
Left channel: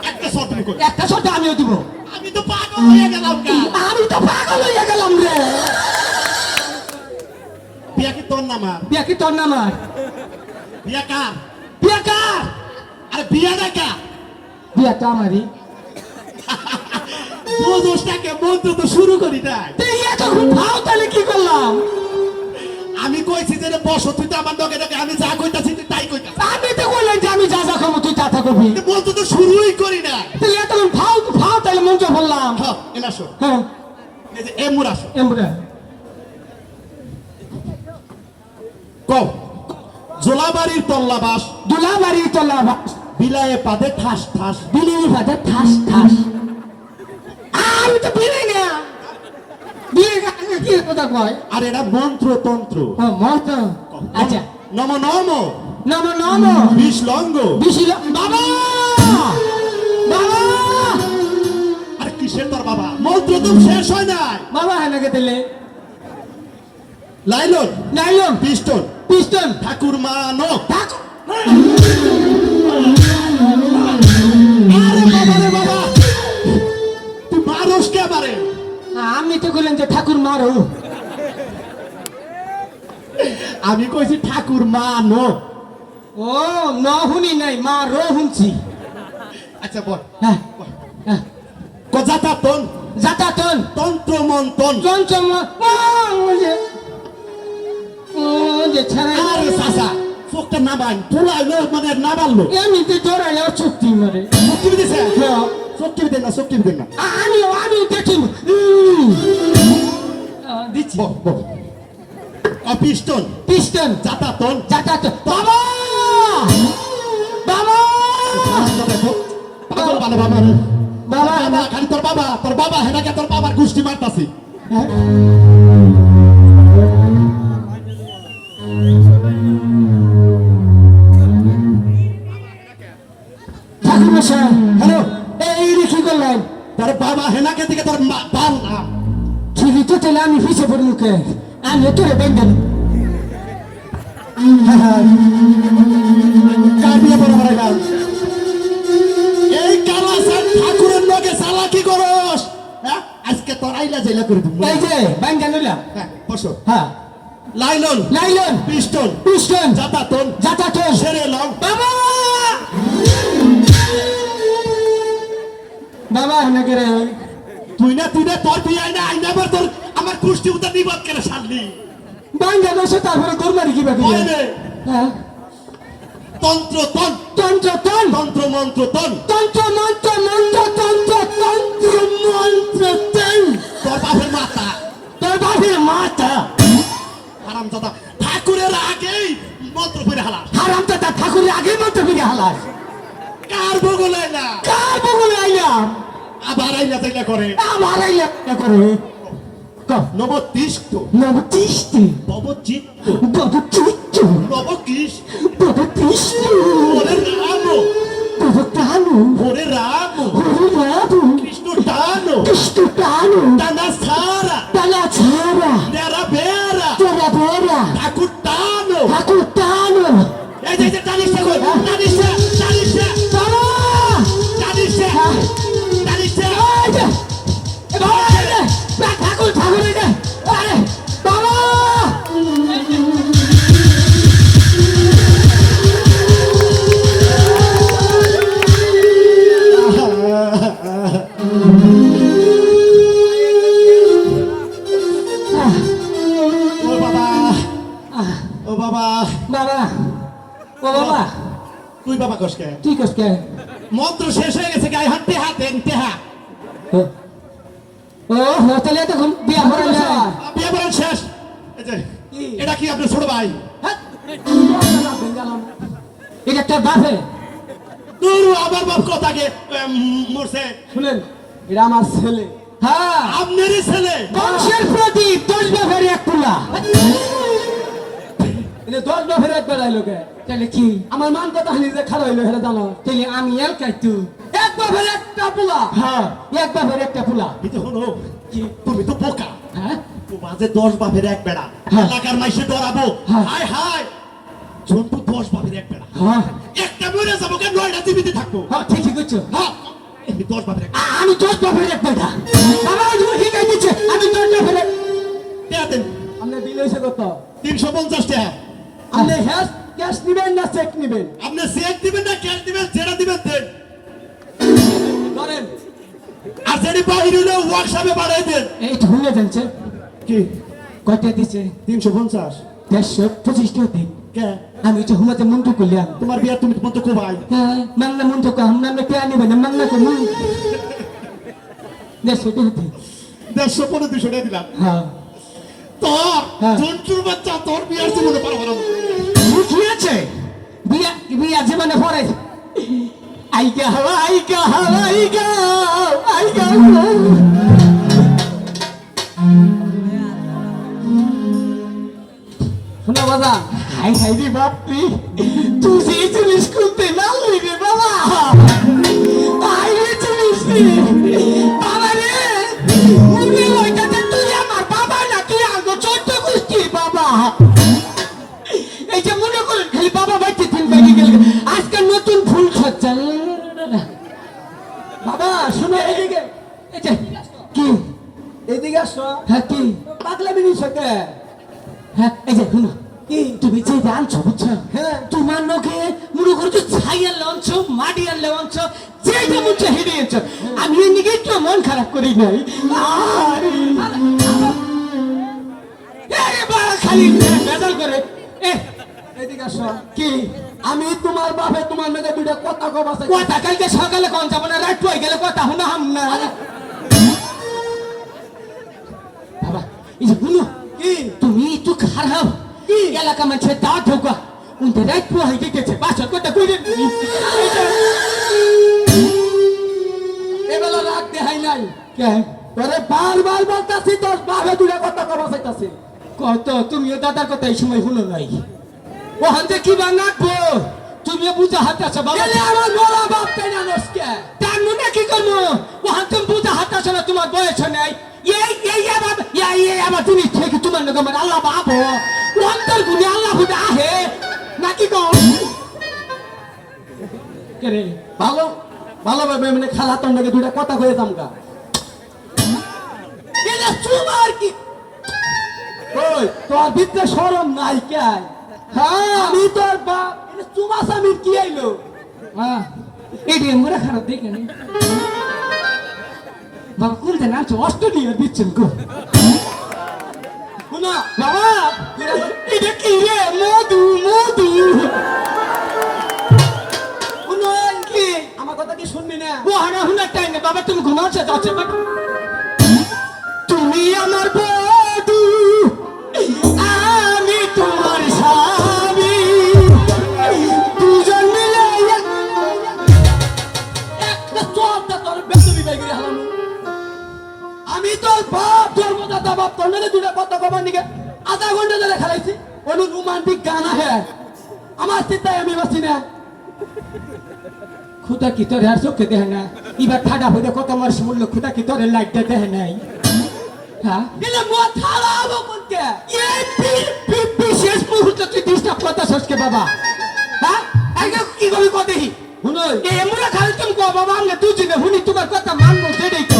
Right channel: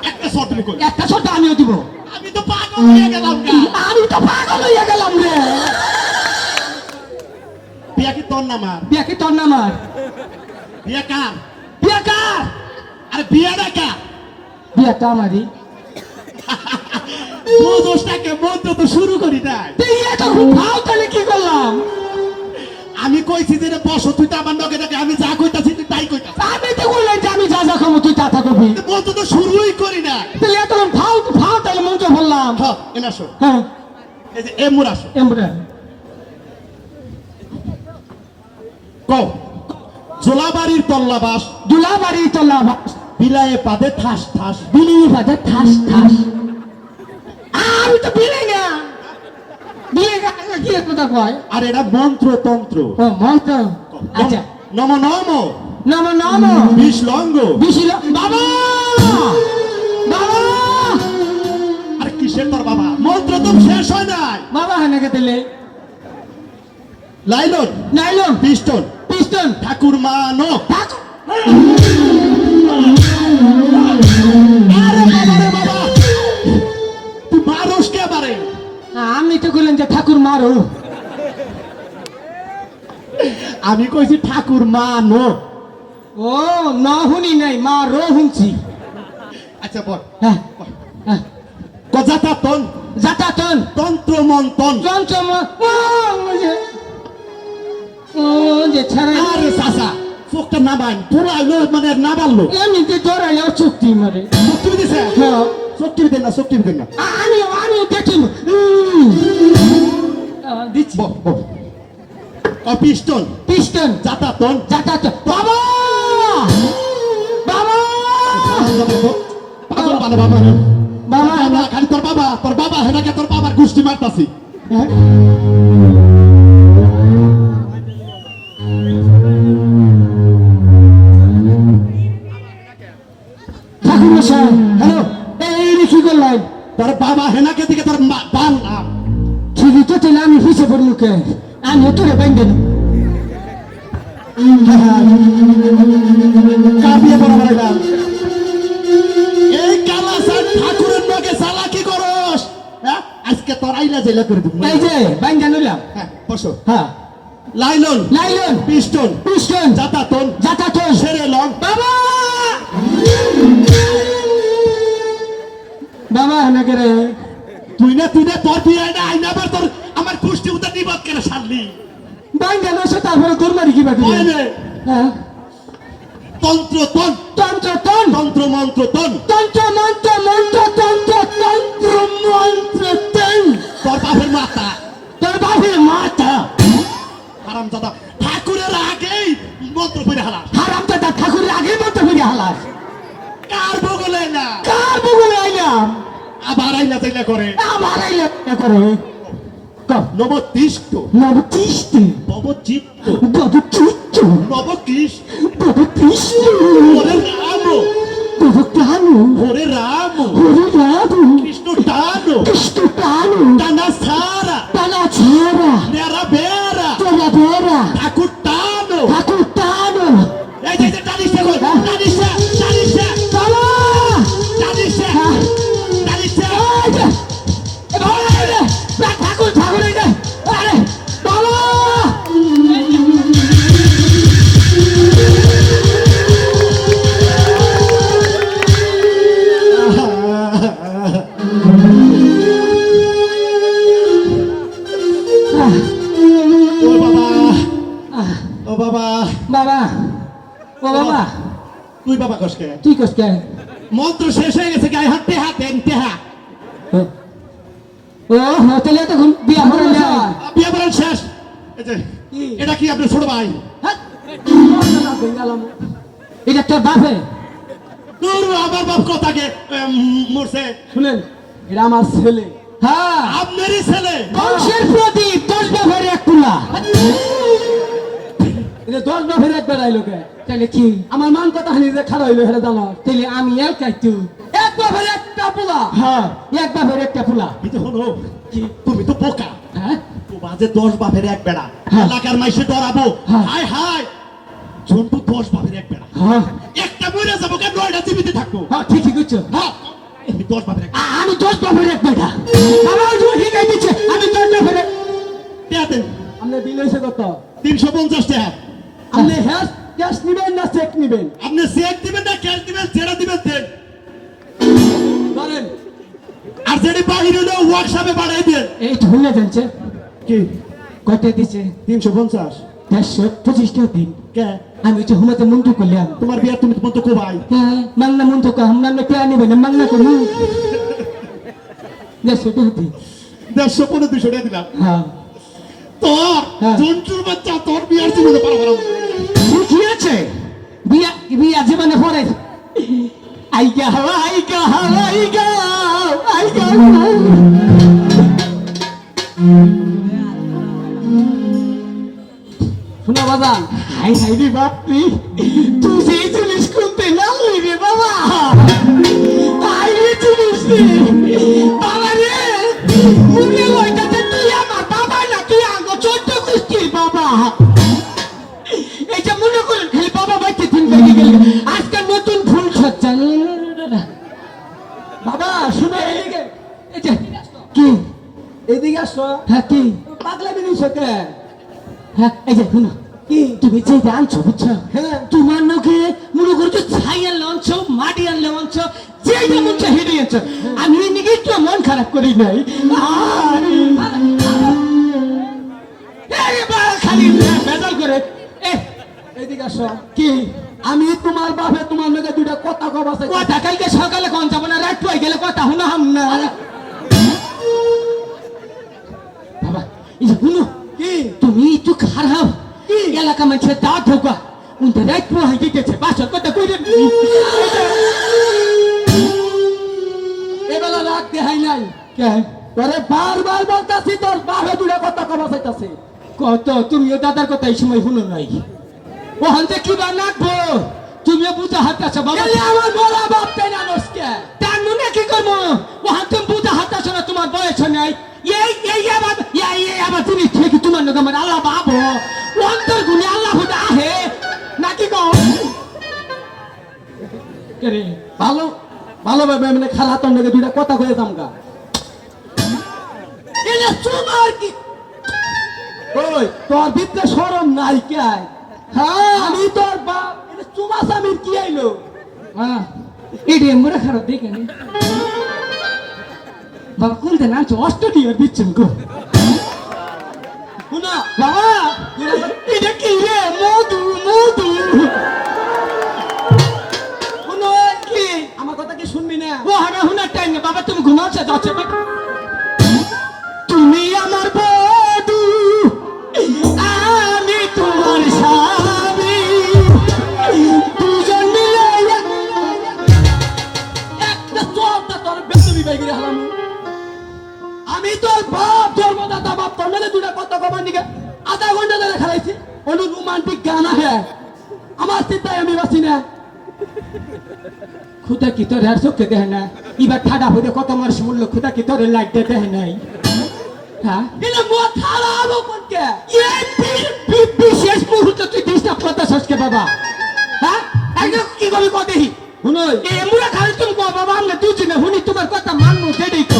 একটা শট মুখ একটা শট আমিও দিব আমি তো পাগল হয়ে গেলাম গা আমি তো পাগল হয়ে গেলাম রে বিয়া কি তোর নাম আর বিয়া কি তোর নামার বিয়া কার বিয়া কার আরে বিয়া না কার বিয়া কামারি বোঝোসটাকে মন্ত্র তো শুরু করি নাই তুই এটা খুব ভাও তাহলে কি করলাম আমি কইছি যে রে বসো তুই তো আমার নগে নগে আমি যা কইতাছি তুই তাই কইতাছিস আমি তো বললাম যে আমি যা কথা কবি মন্ত্র তো শুরুই করি না। তাহলে এতক্ষণ ফাও ফাও তাহলে মঞ্চ বললাম হ্যাঁ এনে আসো, হ্যাঁ এই যে এমুর আসো। এমরা কও জোলাবাড়ির তল্লাবাস, দুলাবাড়ি তলা বিলায়ে পাদে ঠাস ঠাস। বিলি বাজে ঠাস ঠাস আমি তো বিলি না বিলি গান কি কথা কয় আর এটা মন্ত্র তন্ত্র। ও মত আচ্ছা নম নম নম নম বিশ লঙ্গ। বিশিল বাবা বাবা আর কিসের তোর বাবা, মন্ত্র তো শেষ হয় নাই। বাবা হানাকে দিলে লাইলন নাইলন পিস্টন পিস্টন ঠাকুর মানো। ঠাকুর আরে বাবা রে বাবা, তুই মারোস কে বারে? আমি তো বললাম যে ঠাকুর মারো আমি কইছি ঠাকুর মানো। ও না শুনি নাই মা রো শুনছি আচ্ছা বল, হ্যাঁ হ্যাঁ কজাতা তন যাতাতন তন্ত্র মন্তন। চমচম ও যে ছাড়া আরে সাসা ফোকটা নাবান পোলাইলো মানে নাবাললো। এমনিতে জড়াইও চুক্তি মারে শক্তি দিছে, হ্যাঁ শক্তি দেন না, শক্তি দেন না। আমি দেখি দিচ্ছি বল বল। পিস্টন পিস্টন জাতা তন। যাতাতন বাবা বাবা পাগল বানা বাবা। বাবা বাবা খালি তোর বাবা হেনাকে তোর বাবার গুষ্টি মারতাছি। ঠাকুর মশাই হ্যালো এই কি করলাম তোর বাবা হেনাকে দিকে তোর বাল না। ঠিকই তো তাহলে আমি পিছিয়ে পড়ি মুখে আমি তোরে বেঙ্গেন কাবিয়ে বড় বড় এই কালাসান ঠাকুরের লগে চালাকি করস। হ্যাঁ আজকে তোর আইলা জেলা করে দিব। এই যে বেঙ্গেন হইলাম হ্যাঁ বসো। হ্যাঁ লাইলন লাইলন পিস্টন পিস্টন জাতা তন যাতাতন সেরে লং। বাবা বাবা নাকি রে তুই না তোর বিয়ে না আইনা আবার তোর আমার কুষ্টি উদা নিবাদ কেন সারলি? বাইঙ্গা বসে তারপরে গোলমারি কি বাকি হইবে হ্যাঁ তন্ত্র তন তন্ত্র তন তন্ত্র মন্ত্র তন। তন্ত্র মন্ত্র মন্ত্র তন্ত্র তন্ত্র মন্ত্র তন তোর বাপের মাথা তোর বাপের মাথা হারাম দাদা ঠাকুরের আগেই মন্ত্র পড়ে হালা। হারাম দাদা ঠাকুরের আগে মন্ত্র ফিরে হালাস কার বগল আইলা কার বগুলো আইলাম আবার আইলা তাইলা করে। আমার আইলাম করে নবতিষ্ঠ নবতিষ্টি নবচিত্ত নবচিত্ত নবকৃষ নবকৃষ্ণ ওরে রাম নবপ্রাণু ওরে রাম হরে রাধু কৃষ্ণ টান কৃষ্ণ প্রাণু টানা সারা তালা ছেড়া নেরা বেরা তেরা বেড়া ঠাকুর টান। ঠাকুর টানো এই যে টানিসা কই টানিসা টানিসা বাবা টানিসা টানিসা। এই যে ঠাকুর ঠাকুর এই যে আরে বাবা ও বাবা ও বাবা বাবা ও বাবা তুই বাবা কসকে তুই কস কে মন্ত্র শেষ হয়ে গেছে গায়ে হাত টেহা দেন টেহা। ও তাহলে তখন বিয়া করে না বিয়ে বরণ শেষ। এই যে এটা কি আপনার ছোট ভাই? এটা তোর বাপে তোর আমার বাপ কথাকে মরছে। শুনেন এটা আমার ছেলে। হ্যাঁ আপনারই ছেলে। বংশের প্রদীপ তোর বাপের এক পুলা এটা 10 বছর একবার আইলো কে তাহলে কি আমার মান কথা হানি যে খারাপ হইলো হেরে জানো। তাহলে আমি এক কাইতু এক বাপের একটা পোলা। হ্যাঁ এক বাপের একটা পুলা কিন্তু হলো কি তুমি তো বোকা। হ্যাঁ তো বাজে 10 বাপের এক বেড়া হ্যাঁ। এলাকার মাইসে ডরাবো। হ্যাঁ। হাই হাই জন্তু 10 বাপের এক বেড়া হ্যাঁ একটা মরে যাবো কেন 9টা জীবিত থাকবো। হ্যাঁ ঠিকই করছো হ্যাঁ আমি 10 বাপের এক আমি 10 বাপের এক বেটা বাবা তুমি ঠিক দিচ্ছে আমি 10 বাপের টাকা দেন। আপনি বিল হইছে কত? 350 টাকা। আপনি ক্যাশ নিবেন না চেক নিবেন? আপনি চেক দিবেন না ক্যাশ দিবেন যেটা দিবেন দেন। ধরেন আর যেটি বাহির হইলে ওয়ার্কশপে বাড়াই দেন। এই তো ভুলে যাচ্ছে কি কয়টা দিছে 350? 125 দিন কে আমি যে হুমাতে মুন্টু করলাম তোমার বিয়া তুমি তোমার তো কোবাই হ্যাঁ মাংনা মুন্টু কো হামনা মে কে আনি বনে মাংনা করু 125 দিন 150-200 টাকা দিলাম হ্যাঁ তোর হ্যাঁ। জন্তুর বাচ্চা তোর বিয়ার জীবনে পারবো কি আছে বিয়া বিয়া জীবনে পরে আইগা আইগা আইগা আইগা শোনো বাজান, হাই হাই রে বাপি তুই সেই জিনিস করতে না রে বাবা আই রে জিনিস রে বাবা রে মনে হইতাছে তুই আমার বাবা না তুই আগে 14 কুস্তি বাবা এই যে মনে করেন খালি বাবা বাইতে দিন বেরিয়ে গেল আজকে নতুন ফুল সজ্জা বাবা শোনো এদিকে, এই যে কি এদিকে আসো। হ্যাঁ কি পাগলামি নিছো কে? হ্যাঁ এই যে শুনো কি? তুমি যে আনছো বুঝছো হ্যাঁ। তোমার নখে মনে করছো ছাইয়ের লঞ্চ মাটিয়ার লঞ্চ যেটা বুঝছো হেঁটে গেছো আমি ওই নিকে একটু মন খারাপ করি নাই আরে, আরে বাবা, খালি বেজাল করে এ এদিকে আসো। কি আমি তোমার বাপে তোমার লগে দুইটা কথা কব আছে। কথা কালকে সকালে কোন যাবো না রাত পাই গেলে কথা শোনা হাম না বাবা এই যে শুনো কি? তুমি একটু খারাপ কি এলাকা মাঝে দাওয়াত ঢোকা উনতে রাত পোহাই দিতেছে বাসত কথা কইরে এবেলা রাগ দেখাই নাই। কে তোরে বারবার বলতাছি তোর বাপে দুইটা কথা কব চাইতাছে। কত তুমিও দাদার কথা এই সময় শুনো নাই ওখান থেকে কি বানাবো তুমিও বুঝা হাত আছো বাবা এলে আমার বড় বাপ তাই না নসকে। তার মনে কি করবো ওখান তুমি বুঝা হাত আছো না তোমার বয়স নাই এই আবার তুমি ঠিক তোমার নগে মানে আল্লাহ বাবো অন্তর গুলি আল্লাহ হুদা আহে নাকি কও করে ভালো ভালো ভাবে মানে খারাপ তোর লগে দুইটা কথা কয়ে যামগা। এলে তোমার কি ওই তোর ভিতরে শরম নাই কে? হ্যাঁ আমি তোর বাপ এটা চুমা স্বামীর কি আইলো? হ্যাঁ এটি আমরা খারাপ দেখে নি বাবা কোনতে না অস্ট্রেলিয়া দিচ্ছেন গো শুনো বাবা এটা কি রে মধু মধু শুনো কি আমার কথা কি শুনবি না? ও হানা হুনা টাইম না বাবা তুমি ঘুমাচ্ছে যাচ্ছে তুমি আমার বধূ আমি তোমার স্বামী দুজন মিলে একটা চোপটা তোর বেদবি বাইগিরে হারামু। আমি তোর বাপ জন্মদাতা বাপ তোর লগে দুইটা কথা কবার নিকে আধা ঘন্টা ধরে খেলাইছি। কোনো রোমান্টিক গান আহে আমার চিন্তায় আমি বাঁচি না। খুদা কি তোর আর চোখে দেয় না এবার ঠাডা হইলে কত মাস মূল্য খুদা কি তোর লাইট দেয় নাই হ্যাঁ কিন্তু মত খারাপ কোনকে? এই বিশেষ মুহূর্তে তুই ডিস্টার্ব করতেছিস কে বাবা হ্যাঁ আগে কি করি কো দেখি শুনোই এই এমুরা খালি তুমি কো বাবা আমরা দুজনে হুনি তোমার কথা মানবো দেই তো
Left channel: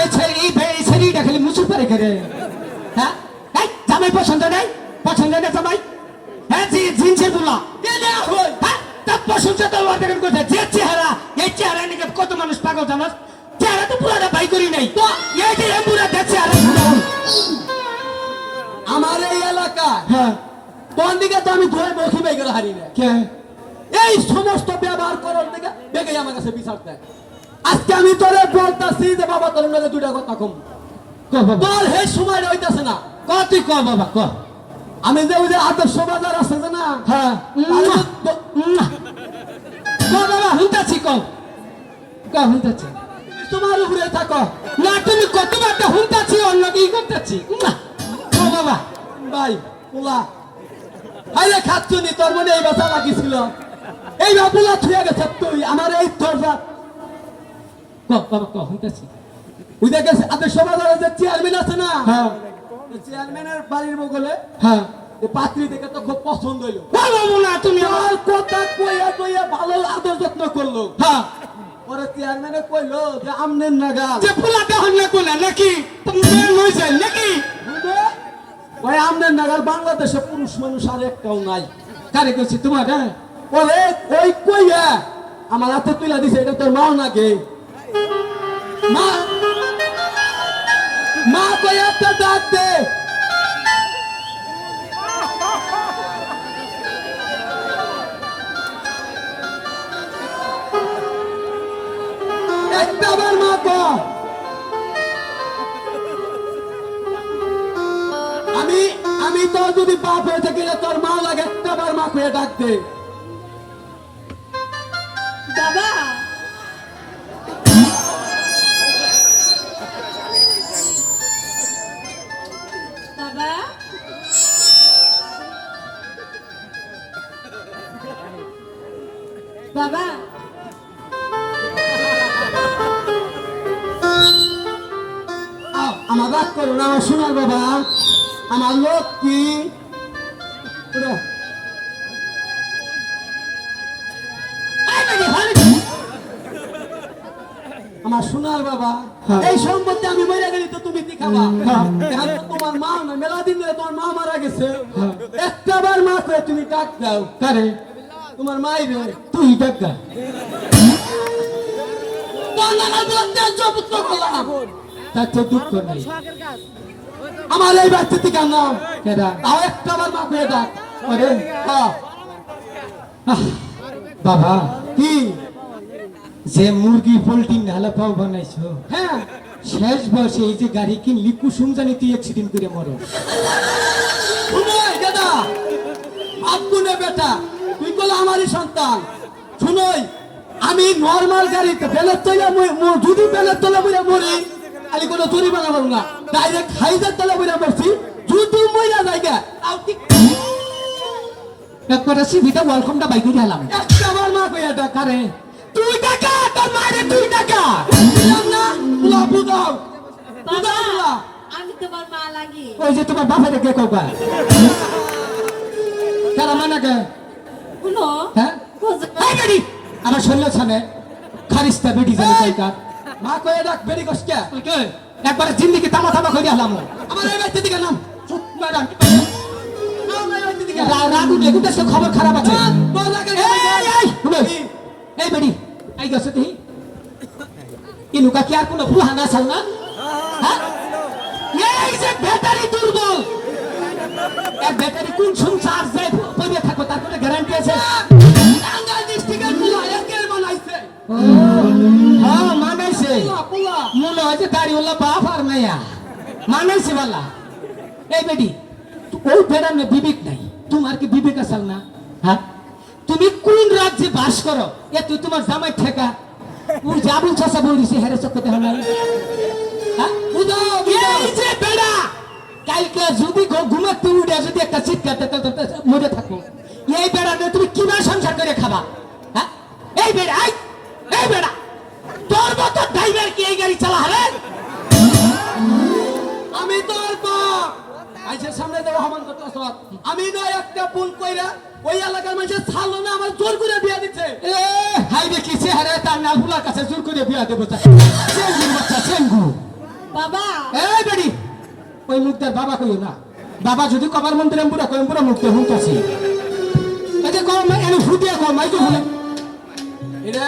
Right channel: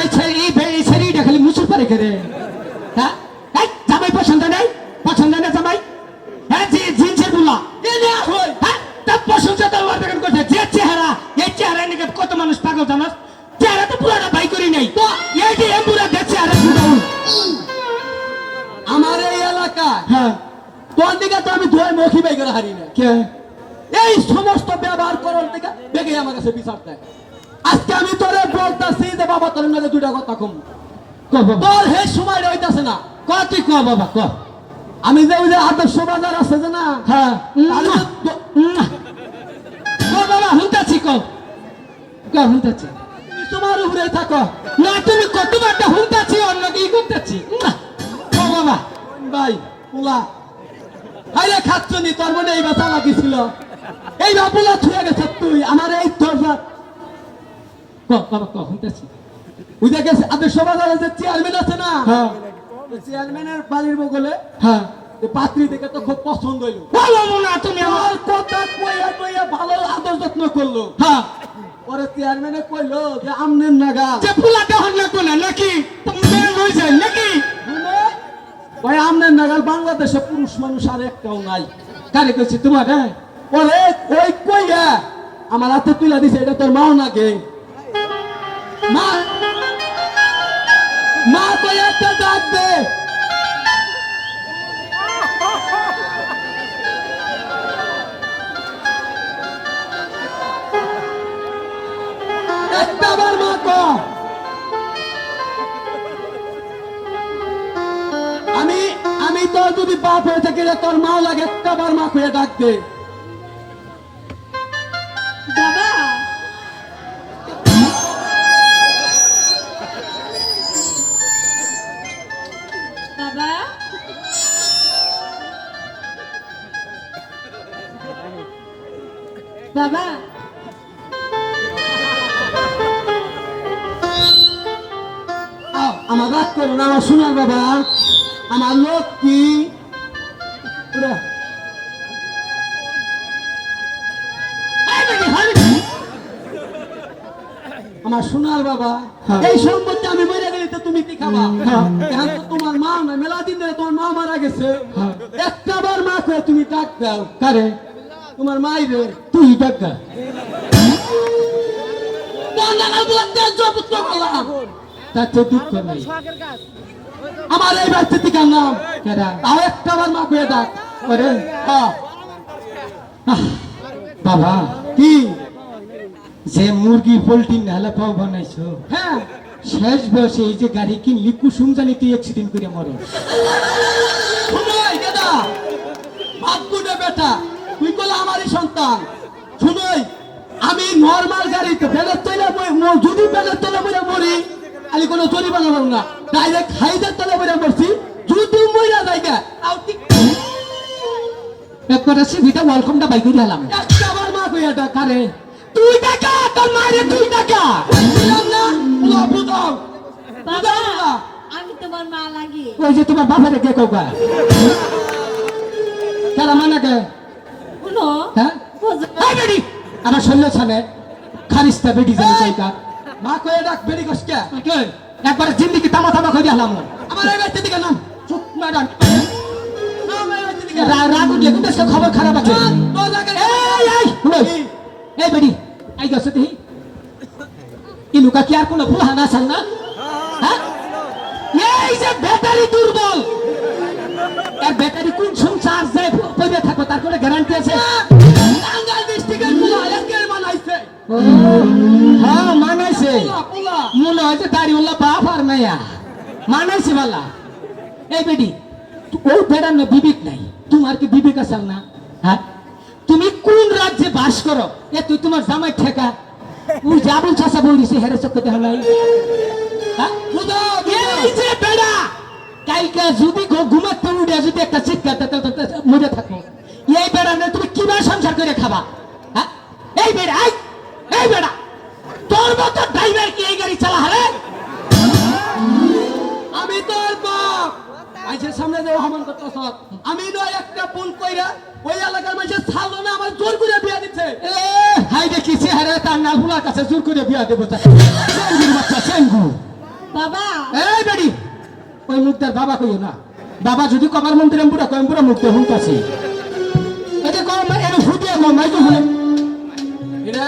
এই ছেড়ি এই ছেড়িটা খালি মুছু পারে করে হ্যাঁ এই জামাই পছন্দ নাই পছন্দ না জামাই হ্যাঁ জি জিনসের বুলা এনে হই হ্যাঁ তার পছন্দ তো ওয়ার্ডার করতে যে চেহারা এই চেহারা নিয়ে কত মানুষ পাগল জানাস চেহারা তো পুরোটা ভাই করি নাই তো এই যে এমুরা দেখছে আরে আমার এই এলাকা হ্যাঁ তোর দিকে তো আমি ধরে মখি বাইগিরে হারি না। কে এই সমস্ত ব্যবহার করার দিকে দেখে আমার কাছে বিচার দেয়। আজকে আমি তোরে বলতাছি যে বাবা তোর লগে দুইটা কথা কম। কো বাবা তোর হে সময় হইতাছে না। ক তুই ক বাবা ক আমি যে ওই যে আদর্শ বাজার আছে যে না, হ্যাঁ আমি তো- ক বাবা হুনতাছি ক হুনতাছি তোমার উপরে থাকো না তুমি কতবার হুনতাছি অন্য কি করতেছি ক বাবা ভাই পোলা আরে খাচ্ছনি তোর মনে এই বেচা লাগিছিল এই বাবুলা ছুঁয়ে গেছে তুই আমার এই দরজা ক বাবা ক হুনতাছি ওই যে গেছে আদর্শ বাজারের যে চেয়ারম্যান আছে না, হ্যাঁ ওই চেয়ারম্যানের বাড়ির বগলে হ্যাঁ এই পাত্রী দেখে তো খুব পছন্দ হইলো। বলো না তুমি তোর কথা কইয়া কইয়া ভালো আদর যত্ন করলো। হ্যাঁ পরে চেয়ারম্যানে কইলো যে আমনের নাগাল যে পোলাটা হন না কোনা নাকি তুমি লই যায় নাকি ওই আমনের নাগাল বাংলাদেশে পুরুষ মানুষ আর একটাও নাই। কারে কইছি তোমার হ্যাঁ পরে ওই কইয়া আমার হাতে তুলে দিছে এটা তোর মাও নাকি মা মা কইয়া একটা ডাক দে তোর যদি বাপ হয়ে থাকে রে, তোর মাও লাগে একটা বার মা করে ডাক দে। বাবা বাবা বাবা আমার রাগ করো না, আমার সোনার বাবা, আমার লক্ষ্মী। ওরা, আমার সোনার বাবা, এই সম্পত্তি আমি মেরে গেলে তো তুমি কি খাবা? এখন তো তোমার মা না, মেলা দিন ধরে তোমার মা মারা গেছে, একটা বার মা করে তুমি ডাক দাও। কারে? তোমার মাই রে, তুই ডাক দা। আমার এই বাচ্চা থেকে নাম তাও একটা বার মা করে ডাক। বাবা কি? যে মুরগি পোল্ট্রি নাহলে পাও বানাইছো, হ্যাঁ, শেষ বয়সে এই যে গাড়ি কিনলি কুসুম জানি তুই অ্যাক্সিডেন্ট করে মরে। শুনোই দাদা, বাদ গুনে বেটা, তুই বলে আমারই সন্তান। শুনোই, আমি নর্মাল গাড়িতে বেলের তৈলে যদি বেলের তলে মরে মরি, আমি কোনো চুরি বানাবো না, ডাইরেক্ট হাইদের তলে মরে মরছি। যদি মরিয়া জায়গা একবারে সিভিটা ওয়েলকামটা বাইক করে এলাম। একটা বার মা কইয়া ডাক। আরে তুই টাকা তোর মায়ের তুই টাকা বুঝলাম না, লাভু দাও। বাবা আমি তোমার মা লাগি। ওই যে তোমার বাপের কে কোকা কেন মানা কে? শুনো হ্যাঁ এই বেডি আমার শরীর ছানে খারিস্তা বেডি জানি কইকা মা কইয়া ডাক, বেরি কষ্ট। কে একবার জিন্দেগি তামা তামা করে এলাম। আমার এই বাচ্চা দিকে নাম চুপ না ডাক। রাগ উঠলে কিন্তু সব খবর খারাপ আছে। এই বেডি আই গেছে তুই ইনুকা কি আর কোনো ভুল হানা চাল না? হ্যাঁ? এই যে ব্যাটারি দুর্বল, এর ব্যাটারি কোন সম চার্জ যায় পড়ে থাকো তার কোনো গ্যারান্টি আছে? টাঙ্গাইল ডিস্ট্রিক্টের পুলা একের বানাইছে। হ্যাঁ মানাইছে, পুলা মনে হয় যে দাড়িওয়ালা বাপ আর মাইয়া মানাইছে বালা। এই বেডি ওই বেড়ার না বিবেক নাই, তোমার কি বিবেক আছে না? হ্যাঁ তুমি কোন রাজ্যে বাস করো? এ তুই তোমার জামাই ঠেকা ওই যে আবুল চাষা বলিস হেরে চক্কতে হয় নাই। হ্যাঁ? এই যে বেড়া কালকে যদি ঘুমাতে উঠে যদি একটা চিৎকার মরে থাকো, এই বেড়া নিয়ে তুমি কিভাবে সংসার করে খাবা? হ্যাঁ এই বেড়া এই বেড়া তোর মতো ড্রাইভার কি এই গাড়ি চালা হবে? আমি তোর বাপ আইছে সামনে দেওয়া হামান করতেছ। আমি নয় একটা ফোন কইরা ওই এলাকার মানুষের ছাড়লো না, আমার জোর করে বিয়া দিচ্ছে। এ হাই দেখি চেহারা তার নালফুলার কাছে জোর করে বিয়া দেবো। চেঙ্গুর বাচ্চা চেঙ্গু। বাবা এই বেড়ি ওই মুখটার বাবা কইও না, বাবা যদি কবার মন্ত্রী পুরা কয়েম পুরা মুখতে হুঁটাছি এতে কম এর ফুটিয়ে কম মাই তো হলে এটা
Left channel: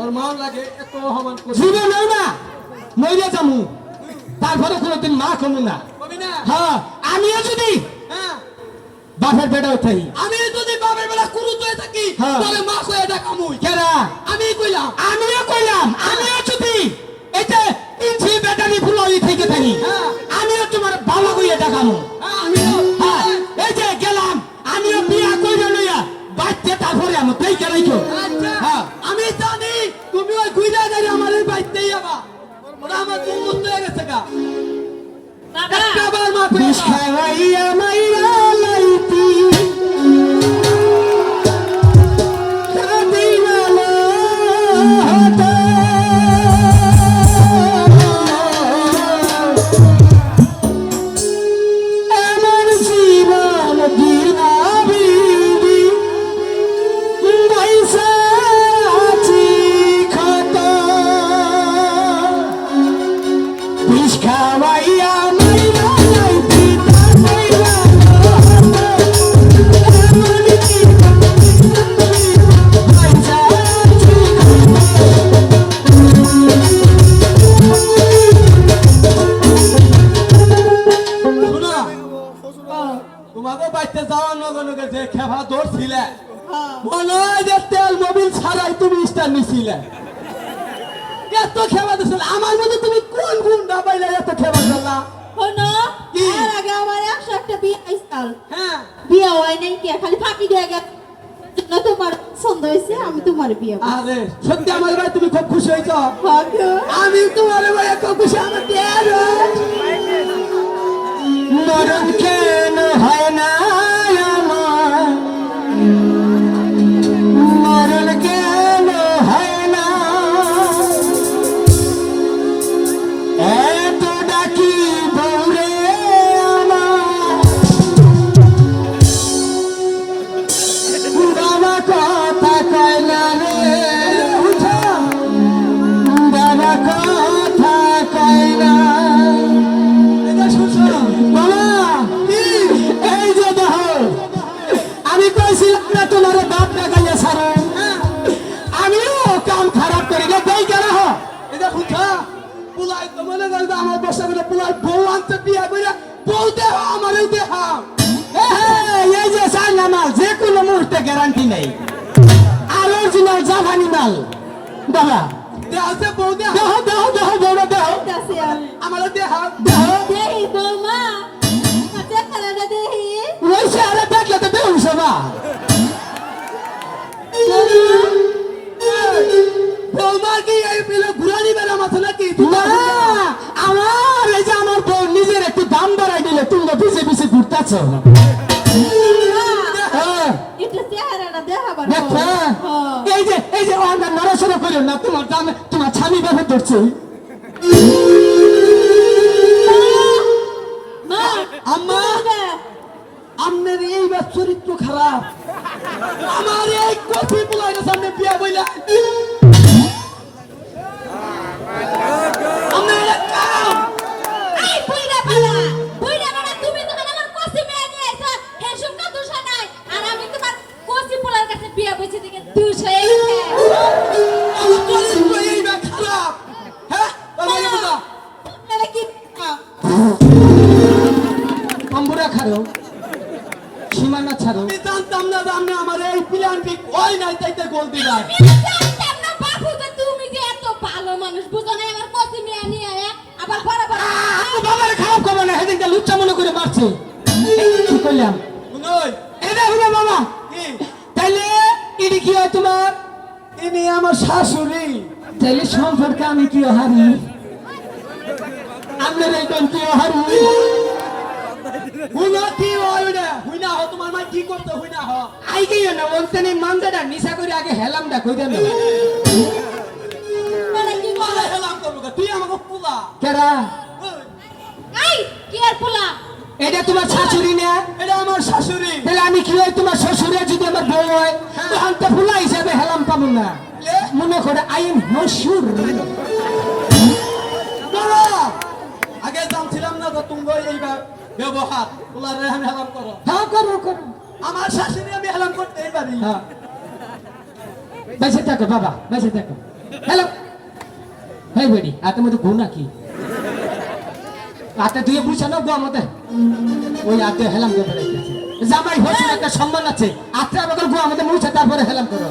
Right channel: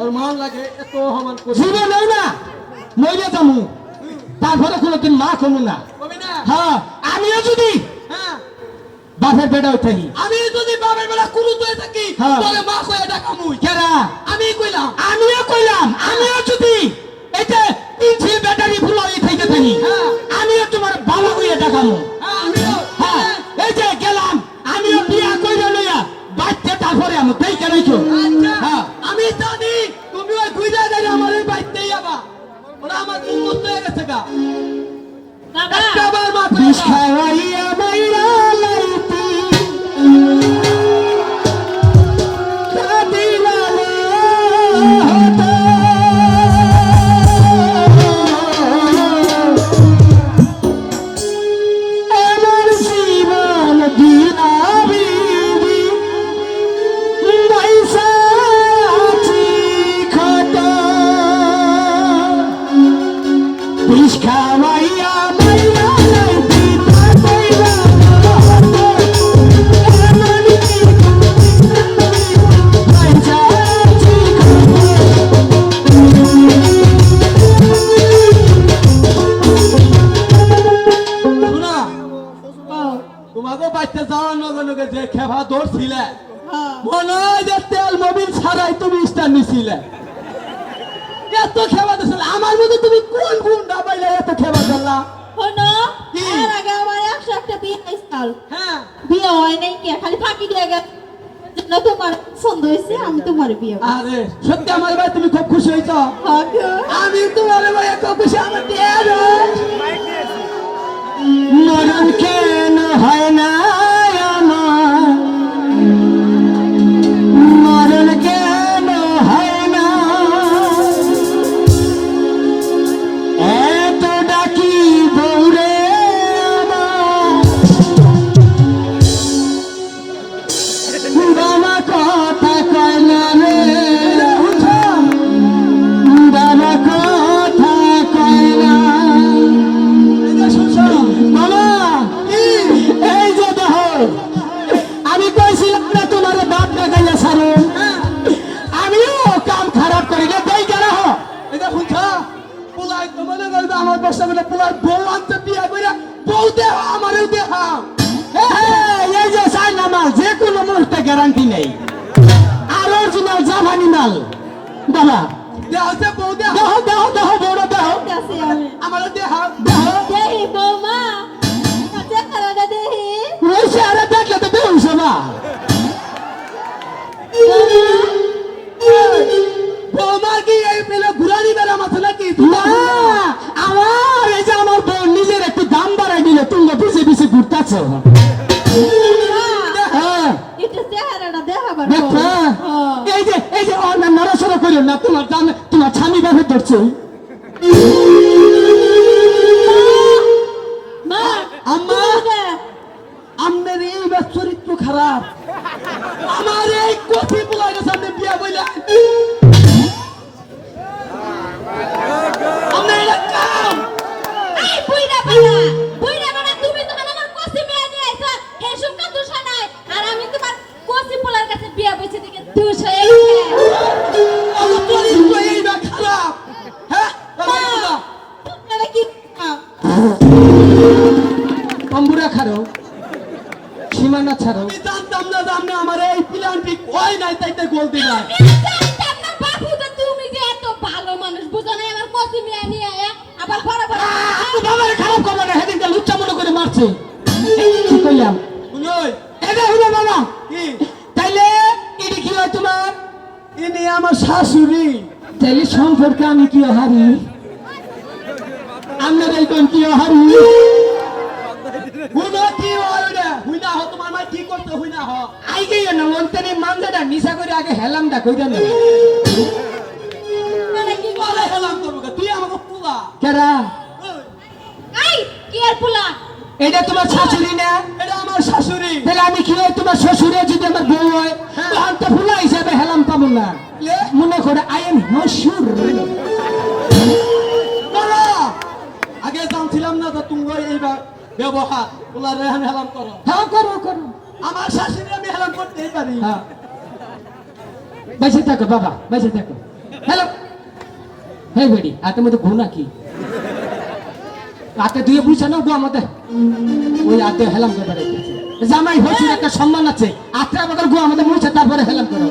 ওর মাও লাগে এত হামান করে। জীবে নেও না মইলে যামু, তারপরে কোনোদিন মা কমু না। কবি না? হ্যাঁ আমিও যদি হ্যাঁ, বাপের বেটা উঠাই আমি যদি বাবার বেলা কুলু হয়ে থাকি হ্যাঁ। তাহলে মা কইয়া ডাক আমুই। কেরা আমি কইলাম আমিও কইলাম, আমিও যদি এটা ইঞ্চি ব্যাটারি ফুলাই থেকে থাকি হ্যাঁ। আমিও তোমার বাবা কইয়া ডাকামু। হ্যাঁ, আমিও হ্যাঁ এই যে গেলাম আমিও বিয়া কইরা লইয়া বাচ্চা তারপরে আমি তাই কেন আচ্ছা, হ্যাঁ আমি জানি তুমি ওই গুইজা যাই আমার এই বাইতেই যাবা। ওরা আমার দুর্মত হয়ে গেছে গা। বাবা একটা বার মা বিষ কইয়া খাওয়াইয়া মাইরা লাইতি কাদিলালে হতো আমার জীবন দিলাবি পয়সা আছি খাতা বিষ খাওয়াইয়া মাইরা লাইতি কাদিলালে হতো আমার জীবন পয়সা আছি শোনা, তোমাকে বাইতে যাওয়ার নগে নগে যে খেফা ধরছিলে মনে হয় যে তেল মোবিল ছাড়াই তুমি স্টার নিছিলে। এত খেবা দিছিলে, আমার মধ্যে তুমি কোন গুণ ডাবাইলে এত খেবা করলা? শোনো কি? এর আগে আমার 101টা বিয়ে আইসাল হ্যাঁ বিয়ে হয় নাই কি খালি ফাঁকি দিয়ে গেছে জন্য তোমার পছন্দ হয়েছে আমি তোমার বিয়ে করব। আরে সত্যি আমার ভাই তুমি খুব খুশি হয়েছ হ্যাঁ গো। আমি তোমার ভাই খুব খুশি আমার মরণ কেন হয় না আমার, মরণ কেন হয় না, এত ডাকি বউরে আমার, বাবা কথা কয় না রে, বাবা কথা কয় না। বাবা, এই যে দেখো, আমি কইছিলাম না তোমার বাপ ডাকাইয়া ছাড়ো, আমিও কাম খারাপ করি না, দেই কেন হ? এটা শুনছা পোলাই তো মনে করবে আমার বসে গেলে পোলাই বউ আনতে বিয়ে করে বউ দেহ আমারও দেহ এই যে চাইনা মাল যে কোনো মুহূর্তে গ্যারান্টি নেই, আর অরিজিনাল জাপানি মাল। বাবা দেহ যে বউ দেহ দেহ দেহ দেহ বউরা দেহ ঠিক আছে আমি আমারও দেহ দেহ দেহি বৌমা চেহারাটা দেহি ওই চেহারা দেখলে তো বেহুশ হবা। বৌমা কি এই পেলে ঘুরানি বেলা মাথা নাকি না, আমার এই যে আমার বউ নিজের একটু দাম বাড়াই দিলে তুমি পিছিয়ে পিছিয়ে ঘুরতেছ। হ্যাঁ একটু চেহারাটা দেখাবার দেখো, এই যে নড়াচড়া করিও না, তোমার দামে তোমার স্বামী ব্যবহার করছে। মা আম্মা আমনের এই বা চরিত্র খারাপ আমার এই কফি পোলাই সামনে বিয়া বইলা আমনে এটা কাম এই বুইড়া বানা তুমি তো আমার কসি বিয়ে নিয়ে আইছো এর সুমকা দোষ নাই আর আমি তোমার কসি পোলার কাছে বিয়ে বসে দিকে দোষ হয়ে গেছে আমার চরিত্র এই বা খারাপ হ্যাঁ বলো না তোমার কি তম্বুরা ছাড়ো, সীমানা ছাড়ো। আমি জানতাম না যে আপনি আমার এই প্ল্যানটি কই নাই তাইতে গোল দিলাই বাপু যে তুমি যে এত ভালো মানুষ বুঝো না আমার কসি বিয়ে নিয়ে আবার বড় বাবার খারাপ করবে না, সেদিনকে লুচ্চা মনে করে মারছে। কি করলাম? শুনই এটা হইলে বাবা, কি তাইলে ইডি কি হয় তোমার? ইনি আমার শাশুড়ি তাইলে সম্পর্কে আমি কি হারি? আমরা এই কোন কি হারি? হুনা কি হয় রে হুনা হ তোমার মাই কি করতে হুনা হ আই গই না ওরতেনি মানজাটা নিশা করে আগে হেলামটা কইরা না। মানে কি বলে আরে হেলাম করব তুই আমাকে পুলা কেরা? এই কি আর পোলা এটা তোমার শাশুড়ি না? এটা আমার শাশুড়ি তাহলে আমি কি হয় তোমার শ্বশুরে যদি আমার বউ হয়, তখন তো ফুলা হিসাবে হেলাম পাবো না। মনে করে আই এম হসুর। বলো আগে জানছিলাম না যে তুমি এই ব্যবহার পুলা রেহান হেলাম করো হ্যাঁ করো করো। আমার শাশুড়ি আমি হেলাম করতেই পারি হ্যাঁ বেঁচে থাকো বাবা, বেঁচে থাকো। হ্যালো হেই বেডি, হাতের মধ্যে ঘুনা কি? হাতে ধুয়ে বুঝছে না গো আমাদের ওই হাতে হেলাম করে বেড়াইতেছে। জামাই হসুর একটা সম্মান আছে, হাতে আমাদের গো আমাদের মুছে তারপরে হেলাম করো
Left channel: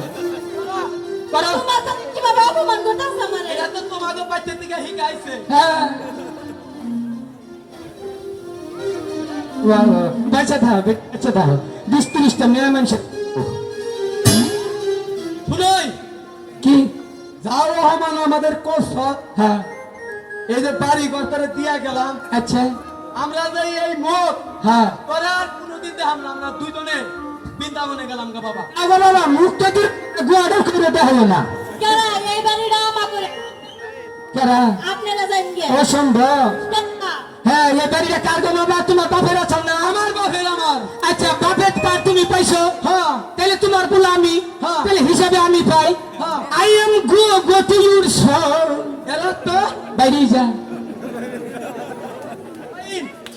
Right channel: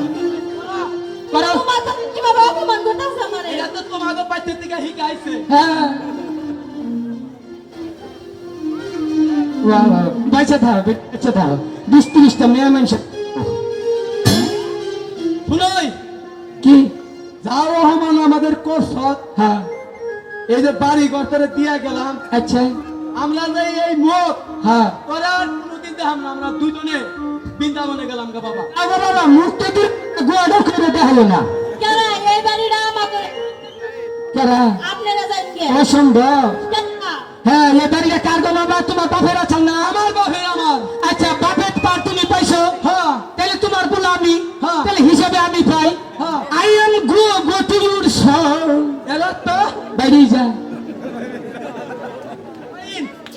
করো। তোমার তো কিভাবে অপমান করতেছ আমারে এটা তো তোমাদের বাচ্চার থেকে শিখাইছে হ্যাঁ বেঁচে থাকো, বেঁচে থাকো। 20-30টা মেয়ে মানুষ শুনই কি? যাও হমান আমাদের কোর্স হ্যাঁ এই যে বাড়ি ঘরটারে দিয়া গেলাম আচ্ছা আমরা যে এই মত হ্যাঁ। তোরা আর কোনোদিন দেখাম না আমরা দুজনে বৃন্দাবনে গেলাম গা বাবা আগে বাবা মুখটা দিয়ে গুয়াটা করে দেখালো না। কেন এই বাড়িটা আমাকে কেরা? আপনারা জানেন কে অসম্ভব। কেন? হ্যাঁ এই বাড়িটা কার গো বাবা? তোমার বাপের আছে না? আমার বাপের আমার আচ্ছা বাপের পার তুমি পাইছো, হ্যাঁ তাহলে তোমার বলে আমি, হ্যাঁ। তাহলে হিসাবে আমি পাই। হ্যাঁ। I am go to your soul. এরা তো বাইরে যা।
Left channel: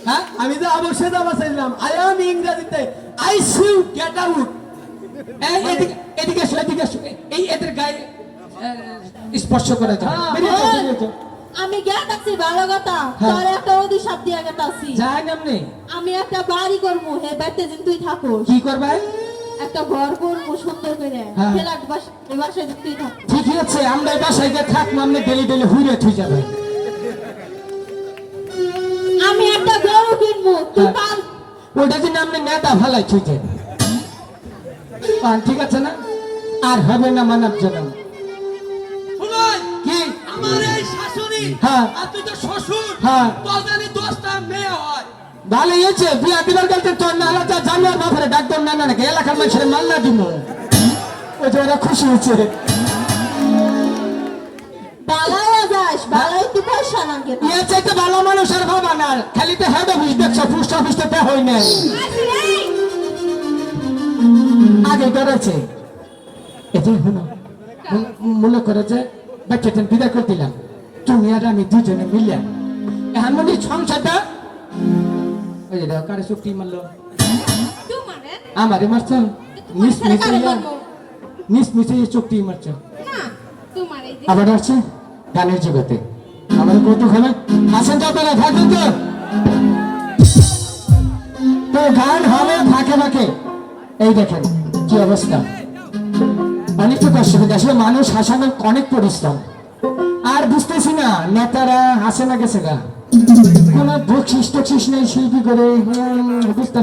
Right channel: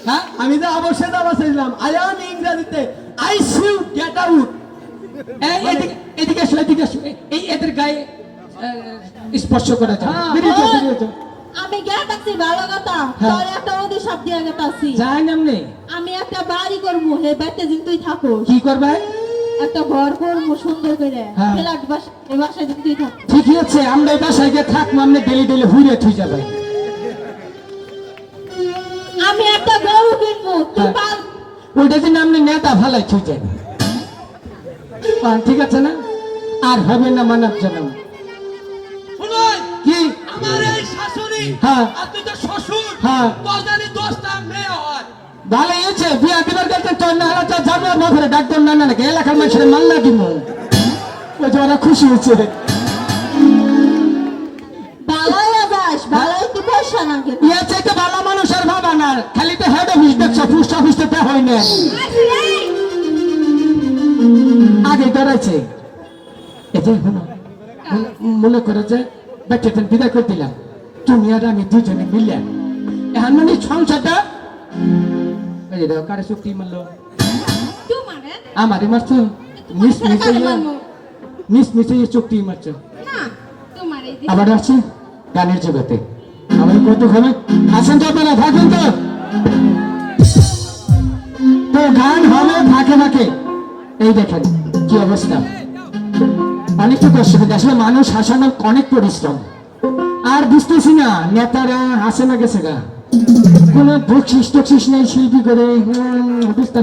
হ্যাঁ আমি যে অবশ্যই যাবা চাইলাম আই এম ইংরেজিতে I see you get out এই এদিকে এদিকে এসো, এদিকে এসো। এই এদের গায়ে স্পর্শ করে দাও। হ্যাঁ। বেরিয়ে যাও, বেরিয়ে যাও। আমি জ্ঞাত আছি ভালো কথা হ্যাঁ। তার একটা অভিশাপ দিয়ে গেত আছি যাই নামনে আমি একটা বাড়ি করবো হে বাড়িতে যেন তুই থাকো কি করবে? একটা ঘর করবো সুন্দর করে হ্যাঁ। ফ্ল্যাট বাসা এই বাসায় যেন তুই থাকো ঠিকই আছে, আমরা এই বাসায় গিয়ে থাকবো, আমরা ডেলি ডেলি হুড়ে থুই যাবে। আমি একটা গরু কিনবো তুই হ্যাঁ। পাল ওইটা যদি আপনি নেতা ভালাই ছুঁচেন ঠিক আছে না আর হবে না মানব জনম শুনুন, কি আমার এই শাশুড়ি হ্যাঁ। আর তুই তো শ্বশুর হ্যাঁ। বদানি 10টা মেয়ে হয়। ভালোই হয়েছে বিয়া দিবার গেলতে তোর না হলে তো জানিয়ে বাপরে ডাক্তার না নাকি এলাকার মানুষের মাল্লা দিব ওই যে ওরা খুশি হয়েছে বালাই আবাস বালাই কি পয়সা না কে ইয়ে চাইতে ভালো মানুষ আর ভাবা না খালি তো হেড অফিস দেখছো পোস্ট অফিস তো হয় না আগে করেছে এই যে মনে করে যে বেচাটা বিদায় করে দিলাম তুমি আর আমি দুজনে মিলিয়া এমন সংসারটা ওই যে কারে চুক্তি মারলো তোমারে আমারই মারছো মিস মিশে মিস মিশে চুক্তি মারছো না তোমারে আবার আছে গানের জগতে আবার কতক্ষণে আসেন তো আপনারা থাকবেন তো তো গান হবে ফাঁকে ফাঁকে এই দেখেন কি অবস্থা অনেক তো কষ্ট কিন্তু আসলে মানুষ হাসানোর অনেক পরিশ্রম আর বুঝতেছি না নেতারা হাসে না গেছে গা কোনো বকশিস টকশিস নেই সেই কি করে বুঝতে